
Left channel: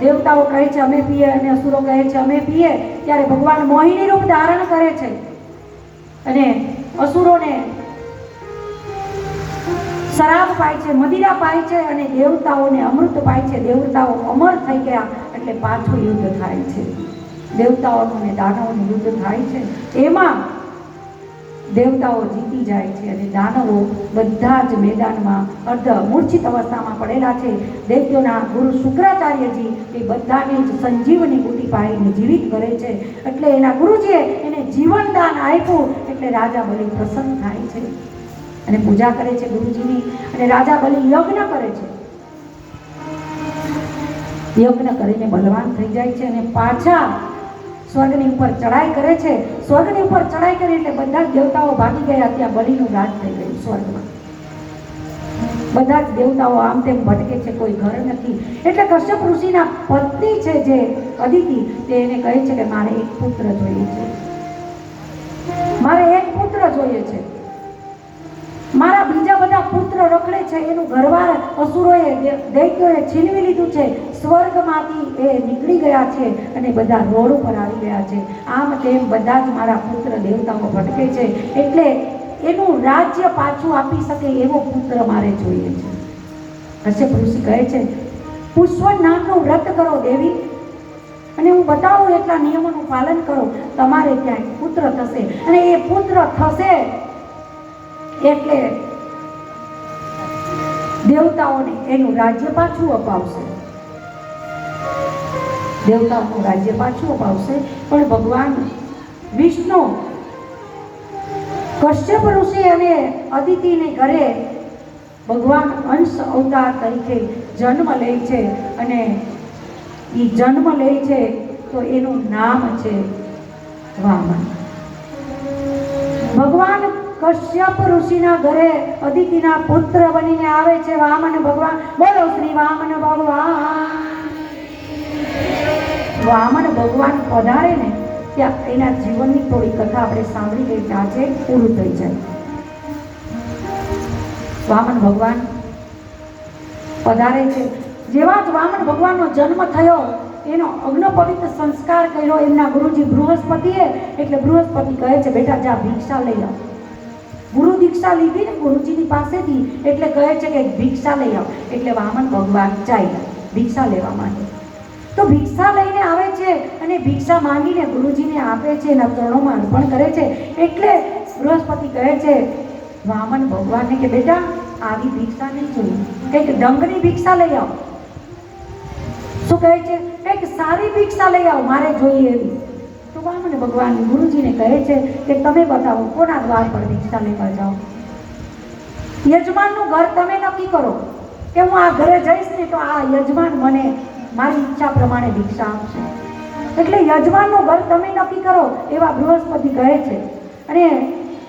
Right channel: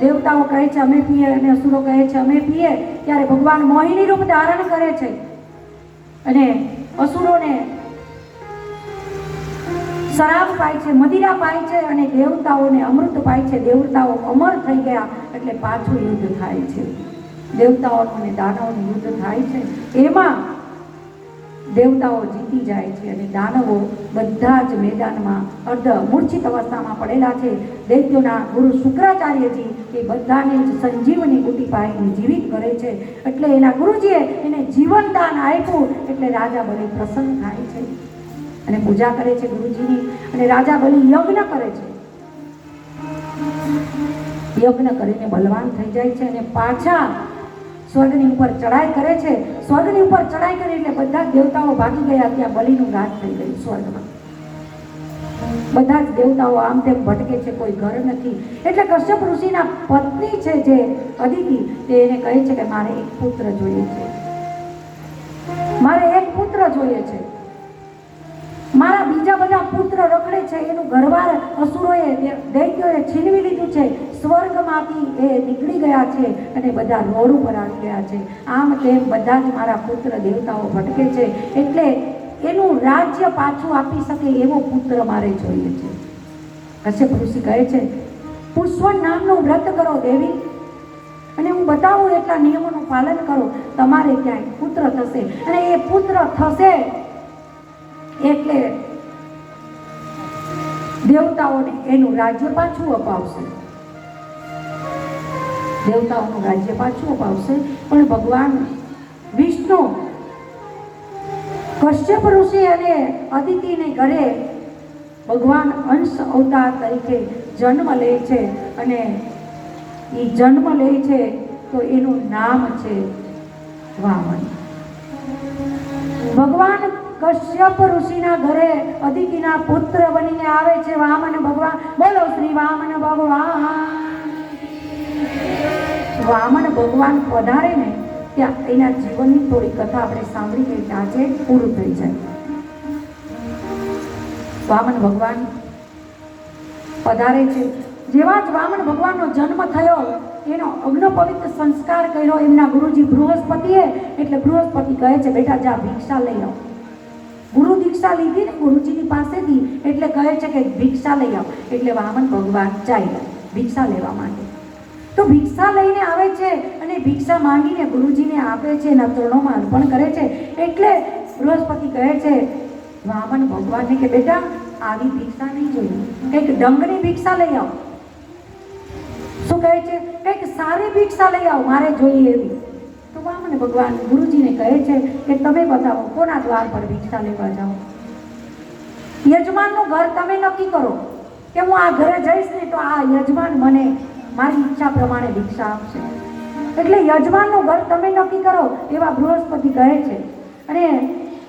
દેવતાઓ કહે છે અમે પીએ, અને અસુરો કહે છે અમે પીએ. ત્યારે ભગવાન મોહિની રૂપ ધારણ કરે છે અને અસુરોને શરાબ પાય છે, મદિરા પાય છે, અને દેવતાઓને અમૃત પાય છે. દેવતાઓ અમર થઈ ગયા એટલે પાછું યુદ્ધ થાય છે. દેવતાઓનું અને દાનવોનું યુદ્ધ થાય છે. એમાં દેવતાઓ જીતી જાય છે અને દાનવો બધા જ મેદાનમાં અર્ધ મૂર્છિત અવસ્થામાં પડેલા છે. દૈત્યોના ગુરુ શુક્રાચાર્યજી એ બધાને જ સંજીવની બુટી પાડીને જીવિત કરે છે. એટલે એના ગુરુજીએ એને જીવનદાન આપ્યું. એટલે રાજા બલિ પ્રસન્ન થાય છે અને પૂજા કરે છે ગુરુજીની. અને રાજા બલિ યજ્ઞ કરે છે. યજ્ઞ કરીને બલવાન થઈ જાય છે અને પાછા સ્વર્ગની ઉપર ચડાઈ કરે છે. સ્વર્ગની ઉપર ચડાઈ કરી એટલે બધા દેવતાઓ ભાગી ગયા. ત્યાં બલિનું રાજ થઈ ગયું સ્વર્ગમાં. બધા જ દેવતાઓ આમ તેમ ભટકે છે, કોઈ ઘર નથી. એટલે કશ્યપ ઋષિના પત્ની છે જે અદિતિ, તે એને કહે છે કે મારે એક પુત્ર જોઈએ છે, મારે એક પુત્ર જોઈએ છે. મારા બીજા બધા પુત્ર રખડે છે, એનું ઘરવાર અસુરોએ દૈત્યોએ છીનવી લીધું છે. સ્વર્ગમાંથી એ નીકળી ગયા છે અને બધા રોડ ઉપર આવી ગયા છે. આમ તેમ બધા જ મારા પુત્ર દેવતાઓ ભટકે છે. એટલે એનું રાજ્ય પાછું આપી શકે એવો પુત્ર મારે જોઈએ છે. કશ્યપ ઋષિ કહે છે પુષ્પ નામનું વ્રત કરો દેવી, અને હું બતાવું એટલા નિયમોનું પાલન કરો, તમારે ત્યાં પુત્ર થશે. અને એ પુત્ર થશે એટલે દેવતાઓને એનું રાજ્ય પાછું અપાવશે. દેવતાઓનું રાજ્ય પાછું અપાવશે. પણ ભગવાન વિષ્ણુ કશ્યપ ઋષિ અને અદિતિને ઘરે ભગવાન અંશ અવતાર તરીકે જન્મ લે છે. અને એ જન્મ લે છે તો એનું નામ છે વામન. ભગવાન કશ્યપ ઋષિના ઘરે અદિતિના પુત્ર બનીને આવે છે વામન ભગવાન. બોલો શ્રી વામન ભગવાન. વામન ભગવાન પધારે ને ત્યાં એના જીવનની થોડી કથા આપણે સાંભળી ગઈ કે આજે પૂરું થઈ જાય. વામન ભગવાન પધારે છે. જેવા જ વામન ભગવાનનો જન્મ થયો એનો અગ્નોપવિત સંસ્કાર કર્યો એમના ગુરુજી બૃહસ્પતિએ. એટલે બૃહસ્પતિ કહે છે બેટા જા ભિક્ષા લઈ આવ. ગુરુ દીક્ષા લીધી ને ગુરુજીની પાસેથી, એટલે કહે છે કે ભિક્ષા લઈ આવ. એટલે વામન ભગવાન ચાલ્યા ભિક્ષા લેવા માટે. તો ભિક્ષા લઈને આવે છે અને ભિક્ષા માંગીને ગુરુજીને આપે છે, એના ચરણોમાં અર્પણ કરે છે. એટલે બૃહસ્પતિ કહે છે વામન ભગવાનને કે બેટા આવી ભિક્ષા નહીં જોઈએ, કંઈક દંગની ભિક્ષા લઈ આવ. શું કહે છે? કંઈક સારી ભિક્ષા લઈ આવ, મારે જોઈએ એવી. તો વામન ભગવાન ગુરુજીને કહે છે કે તમે બતાવો કોના દ્વાર પર ભિક્ષા લેવા જાઓ. યજમાનનું ઘર તમે નક્કી કરો કે હું આ ઘરે જઈશ ને તો આ યજમાન મને મારી ઈચ્છા પ્રમાણે ભિક્ષા આપશે. એટલે યજમાનનું ઘર તમે નક્કી કરો એવા બૃહસ્પતિ કહે છે. અને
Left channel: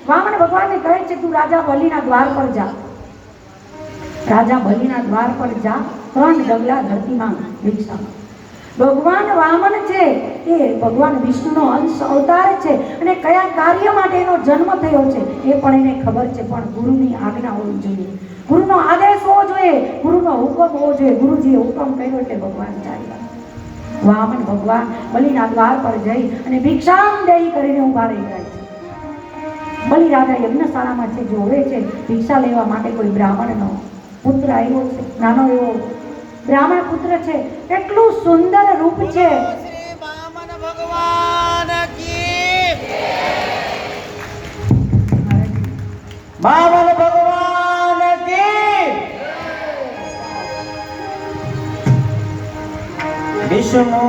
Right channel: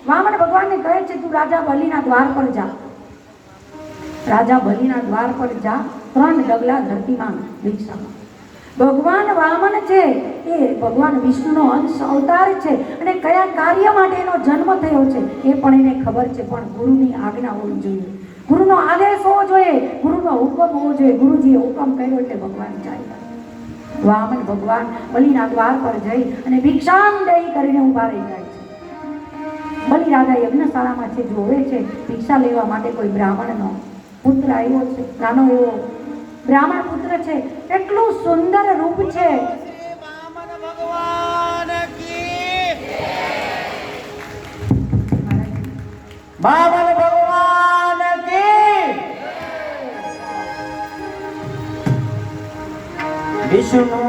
વામન ભગવાનને કહે છે તું રાજા બલિના દ્વાર પર જા. રાજા બલિના દ્વાર પર જા, 3 ડગલા ધરતીમાં ભિક્ષા. ભગવાન વામન છે એ ભગવાન વિષ્ણુનો અંશ અવતાર છે અને કયા કાર્ય માટે એનો જન્મ થયો છે એ પણ એને ખબર છે. પણ ગુરુની આજ્ઞા હોવી જોઈએ, ગુરુનો આદેશ હોવો જોઈએ, ગુરુનો હુકમ હોવો જોઈએ. ગુરુજીએ હુકમ કર્યો એટલે ભગવાન ચાલ્યા. વામન ભગવાન બલિના દ્વાર પર જઈ અને ભિક્ષામ દેહી કરીને ઊભા રહી જાય છે. બલિ રાજા યજ્ઞશાળામાં છે, જોવે છે ભિક્ષા લેવા માટે કોઈ બ્રાહ્મણનો પુત્ર આવ્યો છે. નાનો એવો બ્રાહ્મણ પુત્ર છે, એટલું સુંદર રૂપ છે. વામન ભગવાન કી. વિષ્ણુ